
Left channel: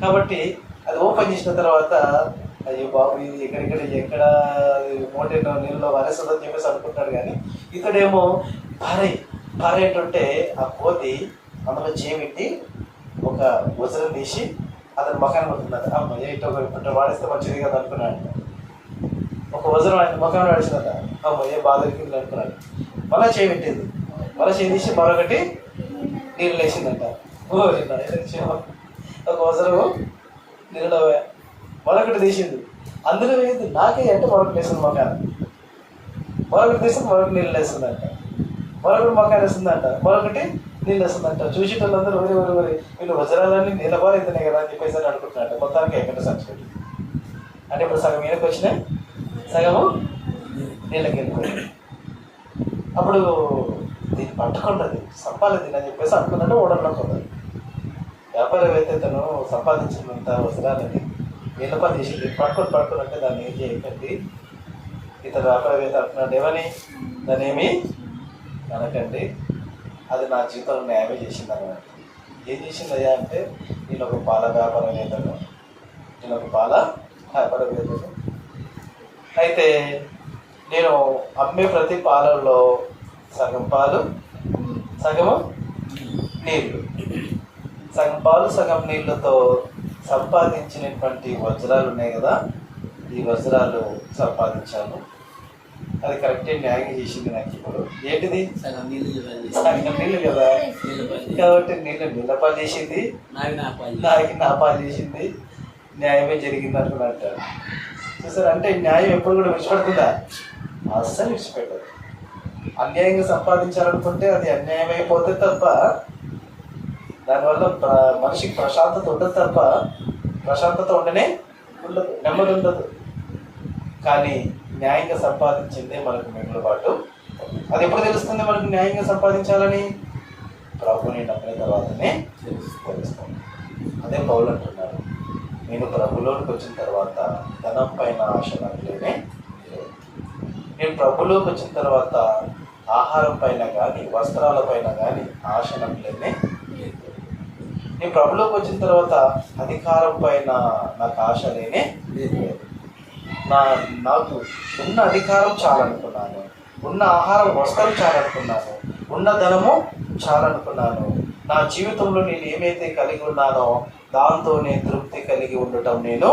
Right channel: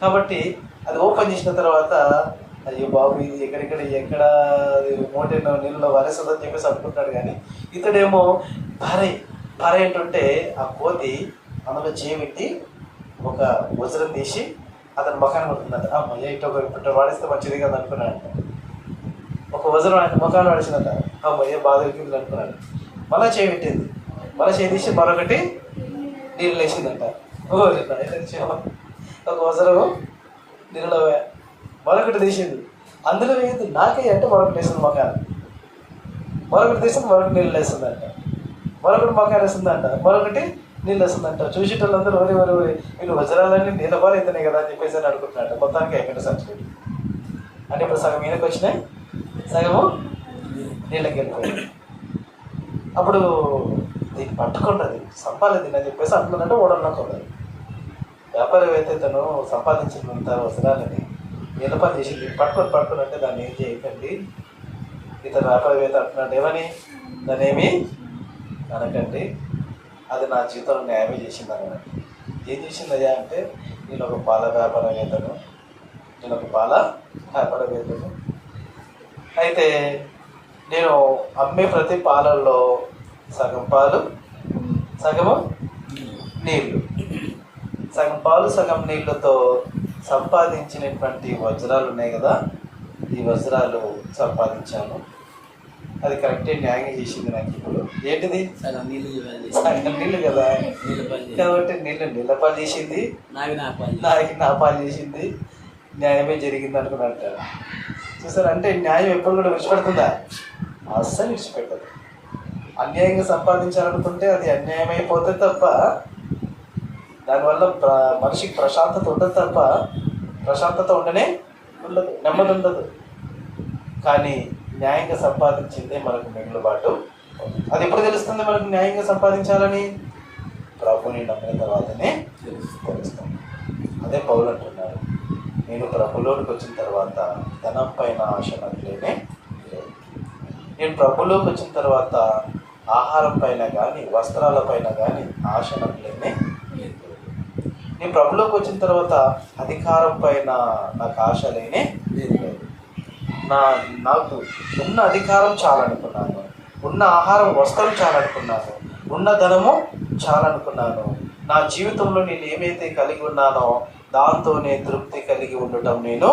కాబట్టి అది ఓపెన్ చేసిన తర్వాత అయ్యో బాబు ఇది ఎక్కడ మూట నీళ్ళలో వారేస్తుందని చెప్పేసి అనుకుంటాడు. కానీ ఇతడేమో భారీ ఏంటంటే ఆ కోతి అందులో చేపెట్టి ఒక వజ్రం తీసి అతను ముఖాన్ని పడుతున్నాడు. అమ్మాయి ఇట్లా వాడిస్తే మంచిది కదా అనుకున్నాడు. ఒక వజ్రం ఆయన ముఖాన్ని వాడిసిందట. అమ్మాయి బాగా దొరికింది అనుకున్నాడు. మళ్ళీ చేపెట్టింది. మళ్ళీ చేసి మరొకటి నీళ్ళు వేసిందంట. ఒక వజ్రము నీళ్ళలో మరొకటి తీసింది. అందులో వేసింది నాకే అంటే మరొకటి వేసింది ముఖాన్ని. మరొకటి తీసింది మరొకటి నీళ్ళు వేస్తుందంట. మరొకటి ముఖాన్ని వేస్తుందంట. మరొకటి నీళ్ళు వస్తుందంట. చూసేటోళ్ళందరూ వరి వరి వరి వీళ్ళు వజ్రాలన్నీ నీళ్ళబాలు అవుతున్నాయి కదా అని చెప్పేసి అని అనుకుంటున్నాడు. మొత్తానికి అయిపోయిన సబ్సిడీ అంటే ఇప్పుడు సగం ఈయనకు వచ్చినాయి, సగము నీళ్ళకి వెళ్ళిపోయింది. అప్పుడు దీన్ని పట్టుకుంటుంది సంపాదన దీన్ని అని చెప్పేసి అనుకున్నట్టు ఓడనుకుంటుంది. వ్యాపారవేత్త తను సంపాదించినంత వజ్రాలని నీళ్ళపాలు చేసి పట్టుకున్నట్టే దాన్ని ఏం చేయకండి. ఇతను వ్యాపారవేత్త అంటున్నాడు ఏమని, దాన్ని ఏమి అనకండి, అది నా జీవితంలో న్యాయమే చేసింది అన్నమాట. ఏం చేసిందయ్యా అంటే, నేను ఒక పాల వ్యాపారవేత్తను, అయితే నేను అమ్మే ప్రతి పాలల్లో సగం పాలు సగము నీళ్ళు, సగం పాలు సగం నీళ్ళతో సంపాదించినటువంటి వజ్రాలు ఉన్నాయి కదా, ఈ వజ్రాలు సంపాదించాను. అది కరెక్టే, న్యాయం చేసింది నాకు. ఇప్పుడు ఏంటిది, సగం నీళ్ళు సగం నీళ్ళు కదా, కాబట్టి నీళ్ళపాలు చేసింది, నాకి నా పాలు చేసింది, న్యాయమే జరిగింది అనుకున్నట్టు. చూసారు అంటే న్యాయం ఎప్పుడు కూడా విడిచిపెడుతుందా? అస్సలు విడిచిపెట్టదు. అన్యాయంగా సంపాదించాలనుకుంటే అది అన్యాయం అయిపోతే తప్ప దానివల్ల మనిషికి ప్రశాంతత ఉండదు తప్ప, ప్రశాంతత ఉండనే ఉండదు, నెమ్మది ఉండదు. కానీ న్యాయంగా సంపాదించిందే మనకు మిగులుబాటు. అది ఎప్పుడు తెలుస్తుంది మనకు న్యాయంగా సంపాదించాలని? ప్రభుని నమ్మిన తర్వాతనే తెలుస్తుంది. అదే పౌలు అంటున్నారు, నేను ప్రభులోకి వచ్చిన తర్వాత ధనం పైన ఆశ నట్లేనే, నేను ప్రభులోకి వచ్చిన తర్వాత ఆహారం పైన కానీ వస్త్రాల పైన కానీ ఆశ నట్లేనే, నేను ప్రభులోకి వచ్చిన తర్వాత అధికారం పైన నాకు ఆశ లేనే లేదు. నాకు ఉన్న అధికారం చాలనుకున్నాను, ఉన్న ఆహారం వస్త్రం చాలనుకున్నాను, ఉన్న ధనము చాలనుకున్నాను. నా జీవితంలో నేను ఏమైతే కలిగి ఉన్నానో దాంతో నేను తృప్తి కలిగి ఉండటం నేను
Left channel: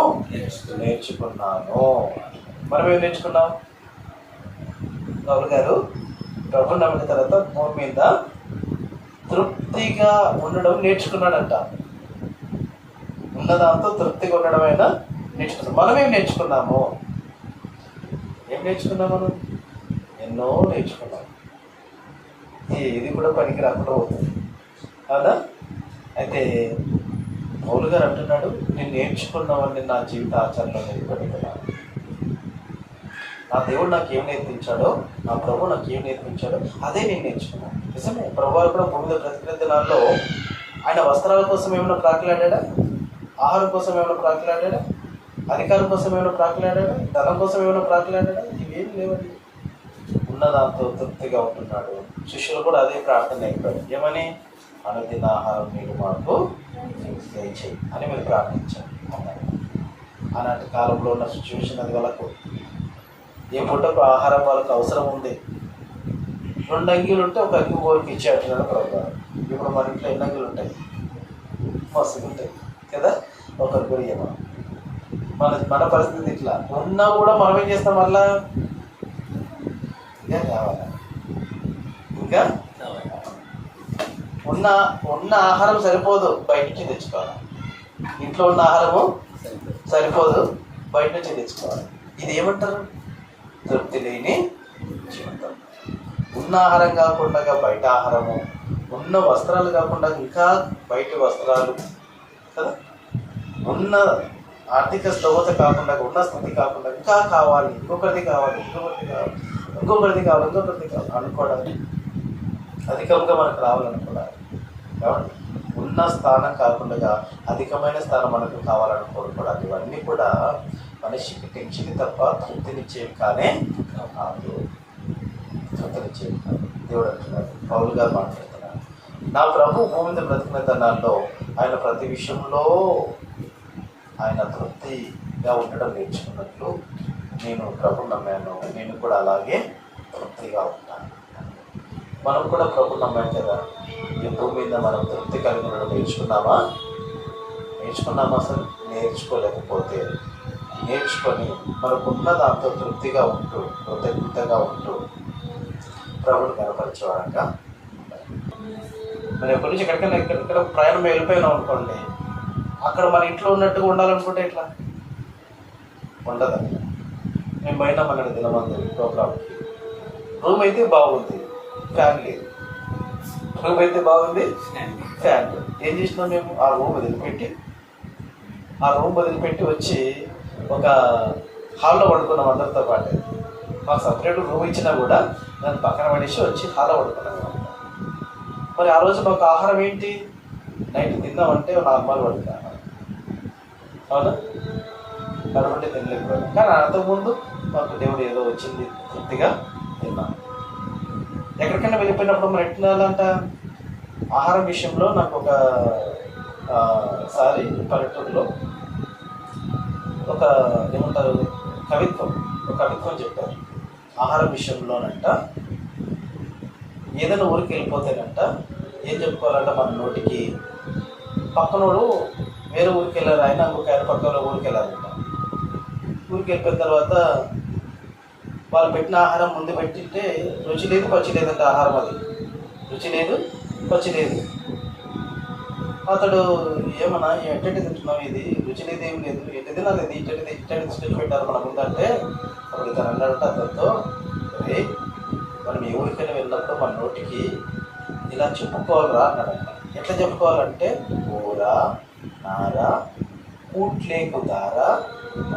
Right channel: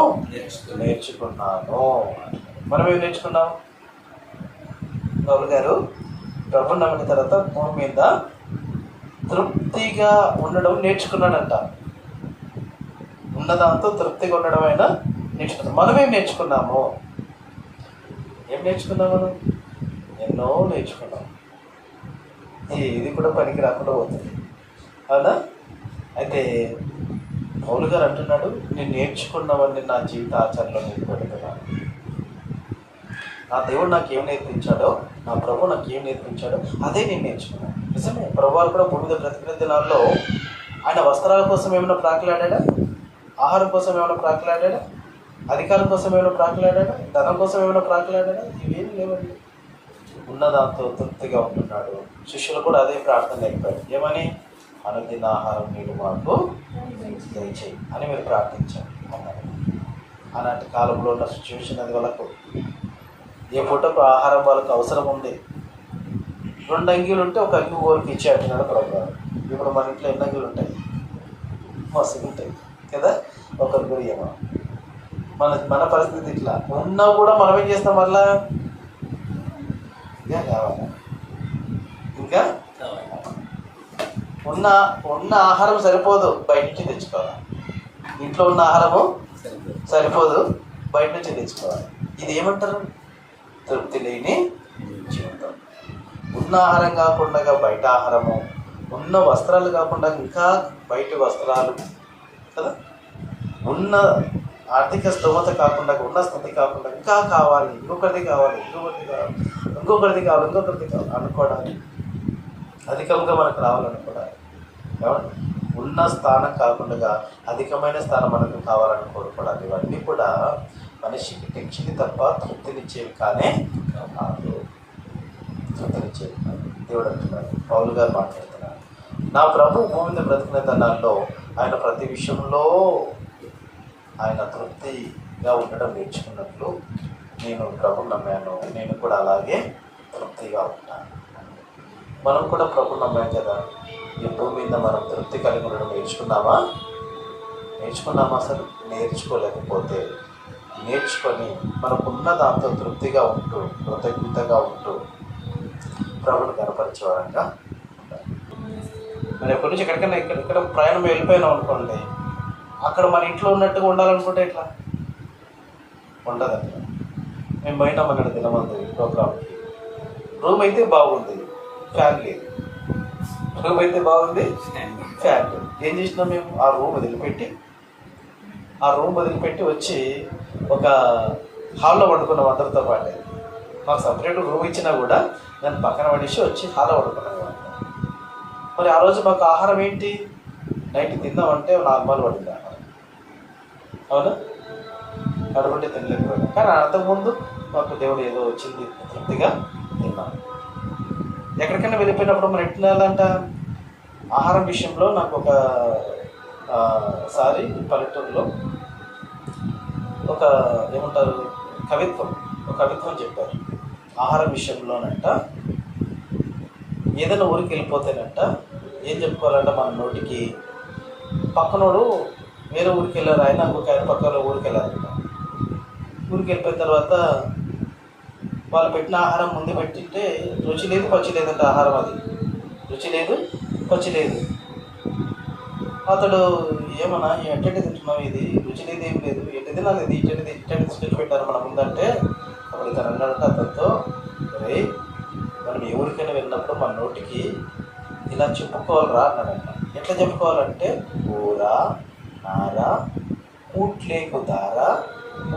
నేర్చుకున్నాను. మనం ఏం నేర్చుకున్నాం? పౌలు గారు ప్రభు నమ్మిన తర్వాత భూమి మీద తృప్తిగా ఉండడం నేర్చుకున్నాడంట. ఉన్నదాంతో తృప్తిగా ఉండడం అయినా నేర్చుకున్నాం. మనం ఏం నేర్చుకున్నాము? ఏం నేర్చుకున్నాం? మనం ఎన్నో నేర్చుకున్నాం. ఇది కూడా పనికి రాకుండా పోతుంది, అవునా? అయితే పౌలు గారు అంటున్నాడు, నేను నేర్చుకున్నవన్నీ నా జీవిత ఆచరణలో నిలబెట్టుకున్నాను. నా దేవుడు నాకు ఏం నేర్పించాడో, నా ప్రభు నాకు ఏం నేర్పించాడో అదే నేను నేర్చుకున్నాను. నిజమే, ప్రభు కూడా భూమి మీద బ్రతికిన దినాల్లో ఆయన వస్త్రాల కోసం ఏమైనా ప్రాకులాడా? ఆహారం కోసం ఏమైనా ప్రాకులాడా? అధికారం కోసం ఏమైనా ప్రాకులాడా? ధనం కోసం ఏమైనా ప్రాకులాడా? ఇవేమి లేవండి. ఉన్నదాంతో తృప్తిగా ఉంటున్నాడు. శిష్యులు కూడా అదే ప్రార్థన అయిపోయాడు, ఏమని? అనుదిన ఆహారం మీరు మాకు దయచేయి అని మీరు ప్రార్థించారు అన్నారు. అలాంటి కాలంలో ఉన్న సిచ్యువేషన్ అది వాళ్ళకు ఏ పూటకు ఆహారం వాళ్ళకు అవసరం ఉంది. 2 అంగీలు ఉంటే ఒక అంగి కోరికి ఇచ్చి అంటున్నాడు ప్రభు. ఇప్పుడు మన ఇంట్లో ఎన్ని అంగీలు ఉంటాయి? మస్తు ఉంటాయి కదా, ఒకరి గురి మనం. మన పరిస్థితి ఇట్లా ఉన్నా కూడా మనం ఏం చేస్తాం? మళ్ళా ఇంకా కావాలా, ఇంకా ఉన్న ఆహారం సరిపోదు, బయట నుంచి తెచ్చుకోవాలి. ఇంట్లో ఉన్న ఆహారము సరిపోదు, బయట నుంచి తెచ్చుకోవాలి. ఇది ఏమంటారు? తృప్తి లేని జీవితం. ఉన్న ఆహారం కాకుండా బయట ఆహారము, ఉన్న వస్త్రాలు కాకుండా ఇంకా బయట వస్త్రాలు కదా, ఉన్న ఆర్థిక స్తోమత కాకుండా, ఉన్న స్థితి కాకుండా ఇంకా కావాలి, ఇంకొకరిది కావాలి అనుకోవడానికి, అధికంగా మనకు రావాలనుకోవడానికి, ఉన్న స్థానం కాకుండా అధికమైన స్థానం మనకు కావాలనుకోవడానికి, ఇవన్నీ కూడా మనిషికి టెన్షన్ తప్ప తృప్తినిచ్చేవి కానే కాదు. తృప్తినిచ్చేవి కాదు. దేవుడు అంటున్నాడు, పౌలు గారు మాట్లాడుతున్నారు, నా ప్రభు భూమి మీద బ్రతికిన తనాల్లో ఆయన ప్రతి విషయంలో ఆయన తృప్తిగా ఉండడం నేర్చుకున్నట్లు నేను ప్రభు నమ్మాను, నేను కూడా అలాగే తృప్తిగా ఉంటాను. మనం కూడా ప్రభు నమ్మాం కదా, ఈ భూమి మీద మనం తృప్తి కలిగి ఉండడం నేర్చుకున్నామా? అసలు నేర్చుకోలేకపోతే నేర్చుకొని మనకున్న దాంతో తృప్తిగా ఉంటూ కృతజ్ఞతగా ఉంటూ ప్రభుని కనపరిచేవారంగా. మనం ఎప్పటి నుంచి ఎక్కడికైనా ఎక్కడ ప్రయాణం వెళ్ళిపోయినాం అనుకోండి, అక్కడ మన ఇంట్లో ఉన్నట్టుగా ఉండాలనుకుంటే ఎట్లా ఉండదండి. మేము బయట మన దినమంది ప్రోగ్రామ్కి రూమ్ అయితే బాగుంది, ఫ్యాన్ లేదు, రూమ్ అయితే బాగుంది, ఫ్యాన్. ఏం చేసినాం మేము? ఆ రూమ్ వదిలిపెట్టి వచ్చి ఒక హాల్లో పడుకున్నాం అందరితో పాటు. మాకు సపరేట్ రూమ్ ఇచ్చినా కూడా నేను పక్కన పడేసి వచ్చి హాల్లో పడుకున్నాను. మరి ఆ రోజు మాకు ఆహారం ఏంటి? నైట్ తిన్నామంటే నార్మల్ పడుకున్నాను, అవునా? పడుకుంటే తినలేకపోయాను. కానీ అంతకుముందు మాకు దేవుడు ఏదో వచ్చింది, తృప్తిగా తిన్నాను. ఎక్కడికైనా వెళ్ళిపోయినప్పుడు మనం ఎట్లా వెళ్ళాలంట? ఆహారం విషయంలో నాకు ఒకసారి పల్లెటూరులో ఒక ఏమంటారు కవిత్వం చెప్పారు. ఆహారం విషయంలోనంట ఏదైనా ఊరికి వెళ్ళిపోతేనంట ఏం చెప్పుకోవాలంట, మన నోటికి పక్కనోడు వేరే ఊరికి వెళ్ళారు, ఆయన పక్కన ఊరికి వెళ్ళారంట. ఊరికి వెళ్ళిపోయిన తర్వాత వాళ్ళు పెట్టిన ఆహారం ముందు పెట్టింటే రుచి లేదు పచ్చి లేదంటే ఆహారం, అది రుచి లేదు పచ్చి లేదు. అతడు ఏమన్నా ఎట్టంటే తింటున్నావు, ఇది రుచి లేదు ఏం లేదు, ఎట్టి తినాలి, ఇది ఇట్టంటే స్టెచ్ పెట్టారు మన ముందంటే అప్పుడు ఇతను అన్నాడంటే అతనితో, రే మనం ఏ ఊరికైనా వెళ్ళినప్పుడు మన నోటికి ఇలా చెప్పుకోవాలరా అన్నాడంట. ఎట్లా చెప్పుకోవాలంటే కూర నార కూట్లేకు దార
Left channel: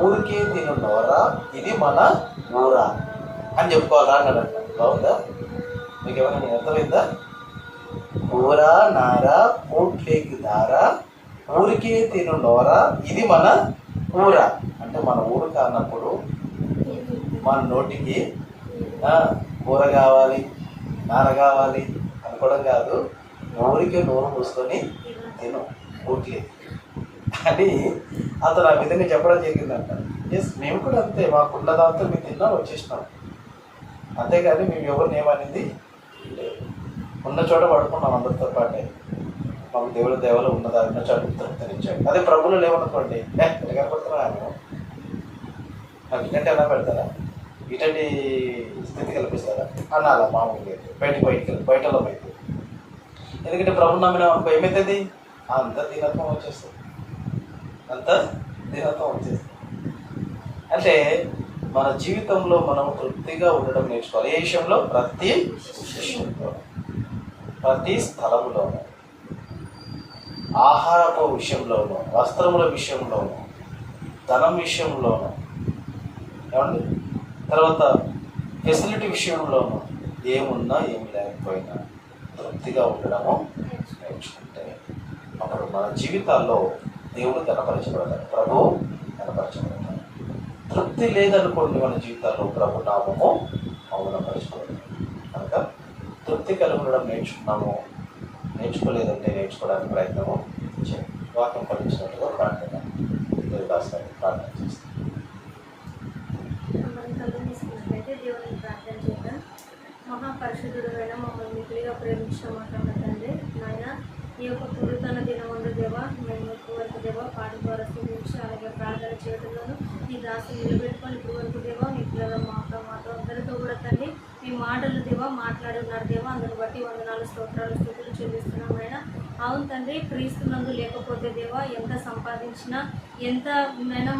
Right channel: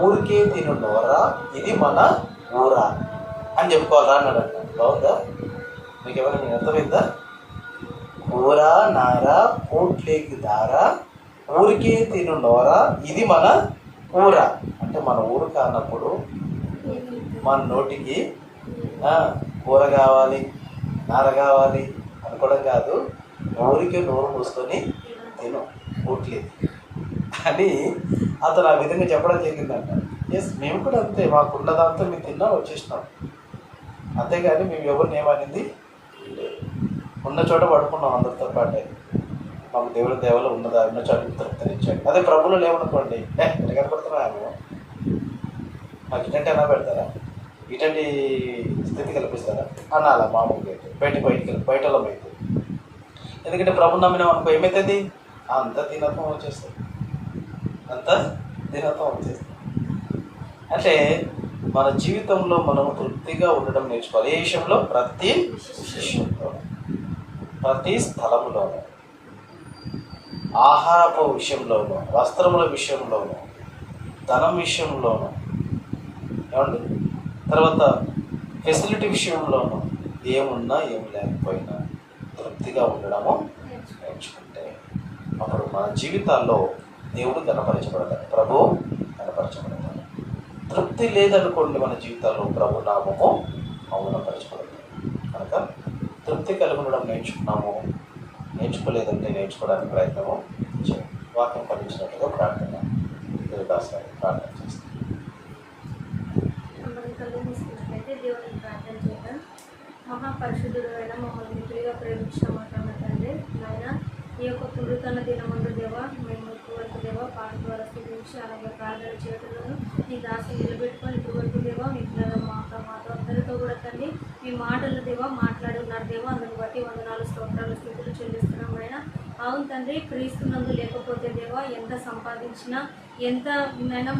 ఊరికే తిను నోరా ఇది మన ఊరా అని చెప్పుకోవాలరా అన్నాడంట. బాగుందా? మీకు ఏమైనా అర్థమైందా? కూర నార కూట్లేకు దార ఊరికే తిను నోరా ఇది మన ఊర అంటే మన ఊరు కానప్పుడు మన నోటికి కూర కావాలి నార కావాలి అనుకోవడం కాదు, ఊరికి నోరు మూసుకొని తిను కూట్లేదు అని అతను ఆ విధంగా చెప్పడం జరిగిందంట. ఎస్, మేము కూడా అంతే, మాకున్న దాంతో మేము తిన్నా వచ్చేసినాం, అంతేగాని మేము ఎవరిని ఏమనింది ఉన్న చోట పడుకున్నాం అందరితో పాటే. మాకు దేవుడి దేవలు ఉన్నదా ఉన్న చోట తృప్తినిచ్చాడు. అదే ప్రభువులు లేవనుకోండి, కనపడుతున్నాము మాకు ఇటంటే అలా పెడతారా, ఇటంటి స్థితి కల్పిస్తారా అనాలా మామూలుగా అయితే బయటలో అయితే. ఎందుకంటే ప్రభు నమ్మినాం అనుకో ఏమవుతుంది? అంత దీనత్వం వచ్చేస్తుంది. అంటే మన జీవితంలో మనం తృప్తిగా ఉండడం నేర్చుకోవాలి. ఏ విషయంలో? ప్రతి విషయంలో, ప్రతి స్థలంలోనూ, ఆహారపు విషయంలోనూ, వస్త్రముల విషయంలోనూ, ధనం విషయంలోనూ, ఏమండి, తర్వాత ఫెసిలిటీ విషయంలోనూ, ఏమున్నా ఏమి లేకపోయినా తృప్తిగా ఉండడము నేర్చుకుంటే అప్పుడు మన జీవితాల్లో దేవుడు కనపరచబడతాడు, ప్రభు కనపరచబడతాడు. తృప్తి లేదనుకోండి మన జీవితాల్లో ప్రభు నామము మౌనపరచబడదు. కనుక తృప్తి కలిగి ఉండడం నేర్చుకోలేదంటే నేర్చుకోవడానికి ప్రయత్నము చేయండి. వాక్యం కలిగించినట్టుగా ప్రార్థన చేస్తాం. దేవుని ప్రార్థన చేద్దాం. మహాపరిశుద్ధుడు అయిన మమ్మల్ని మిగిలిగా ప్రేమించమంటున్న తండ్రి, నాయన ఈ యొక్క పురుతన దినమందు దేవ మేము ఇప్పటివరకు దేవ పాట ద్వారా స్థితించి అలాగే ప్రార్థన చేయడంలోనూ మీ దాసులు నిలబెట్టుకొని ఇప్పటివరకు దేవ మీ పిల్లల మాతో అందరితో కూడా తండ్రి మీ మాటలు దేవ మాట్లాడి ఉన్నారు దేవ, అందుకు బట్టి వందనాలు స్తోత్రాలు స్థితులు చెల్లిస్తున్నాం. అయినా అవును తండ్రి, క్రీస్తునందు లేకపోతే దేవ ఎంత సంపాదించినా ఎంత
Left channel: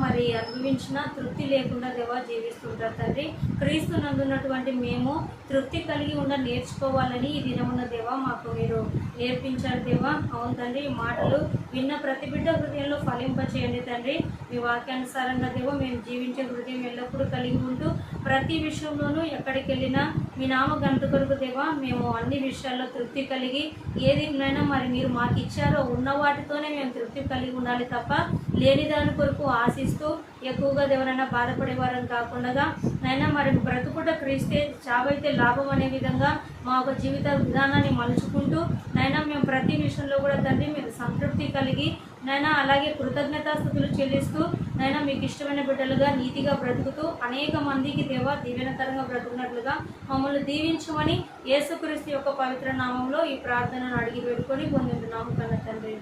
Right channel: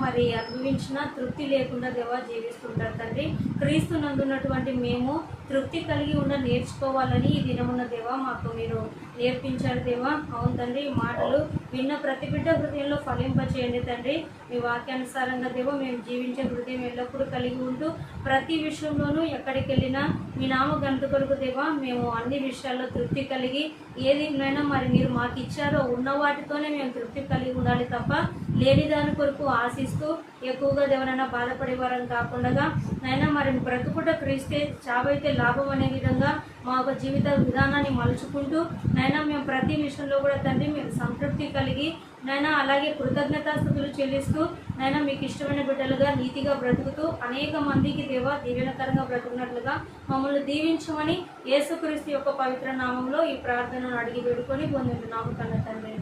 మరి అనుభవించినా తృప్తి లేకుండా దేవ జీవిస్తుంటారు తండ్రి. క్రీస్తునందు ఉన్నటువంటి మేము తృప్తి కలిగి నేర్చుకోవాలని ఈ దినమున్న దేవ మాకు మీరు నేర్పించారు దేవ. అవును తండ్రి, ఈ మాటలు విన్న ప్రతి బిడ్డ హృదయంలో ఫలింపచేయండి తండ్రి. మీ వాక్యానుసారంగా దేవ మేము జీవించే హృదయం ఎల్లప్పుడూ కలిగి ఉంటూ ప్రతి విషయంలోనూ ఎక్కడికి వెళ్ళినా మీ నామ గంట కొరకు దేవ మేము అన్ని విషయాల్లో తృప్తి కలిగి ఏదినైనా మరి మీరు మాకు ఇచ్చారో ఉన్న వాటితోనే మేము తృప్తి కలిగి ఉండాలి తప్ప లేని దాని కొరకు ఆశిస్తూ ఎక్కువగా దేవనైనా బాధపడేవారని కాకుండా నైనా మరి బ్రతుకుట క్రీస్తే చావైతే లాభం అనే విధంగా మా యొక్క జీవిత విధానాన్ని మలుచుకుంటూ నైనా మేము ప్రతి విషయంలో కూడా తండ్రి మీరు సంతృప్తి కలిగి నైనా అలాగే కృతజ్ఞతాస్తుతులు చెల్లిస్తూ నైనా మీకు ఇష్టమైన బిడ్డలుగా నీతిగా బ్రతుకుతూ అనేక మందికి దేవ దీవెనకరంగా బ్రతుకున్నట్లుగా మమ్మల్ని దీవించమని యేసుక్రీస్తు యొక్క పవిత్ర నామంలో ఈ ప్రార్థనను అడిగి వేడుకొని పొందుతున్నాము కన్న తండ్రి.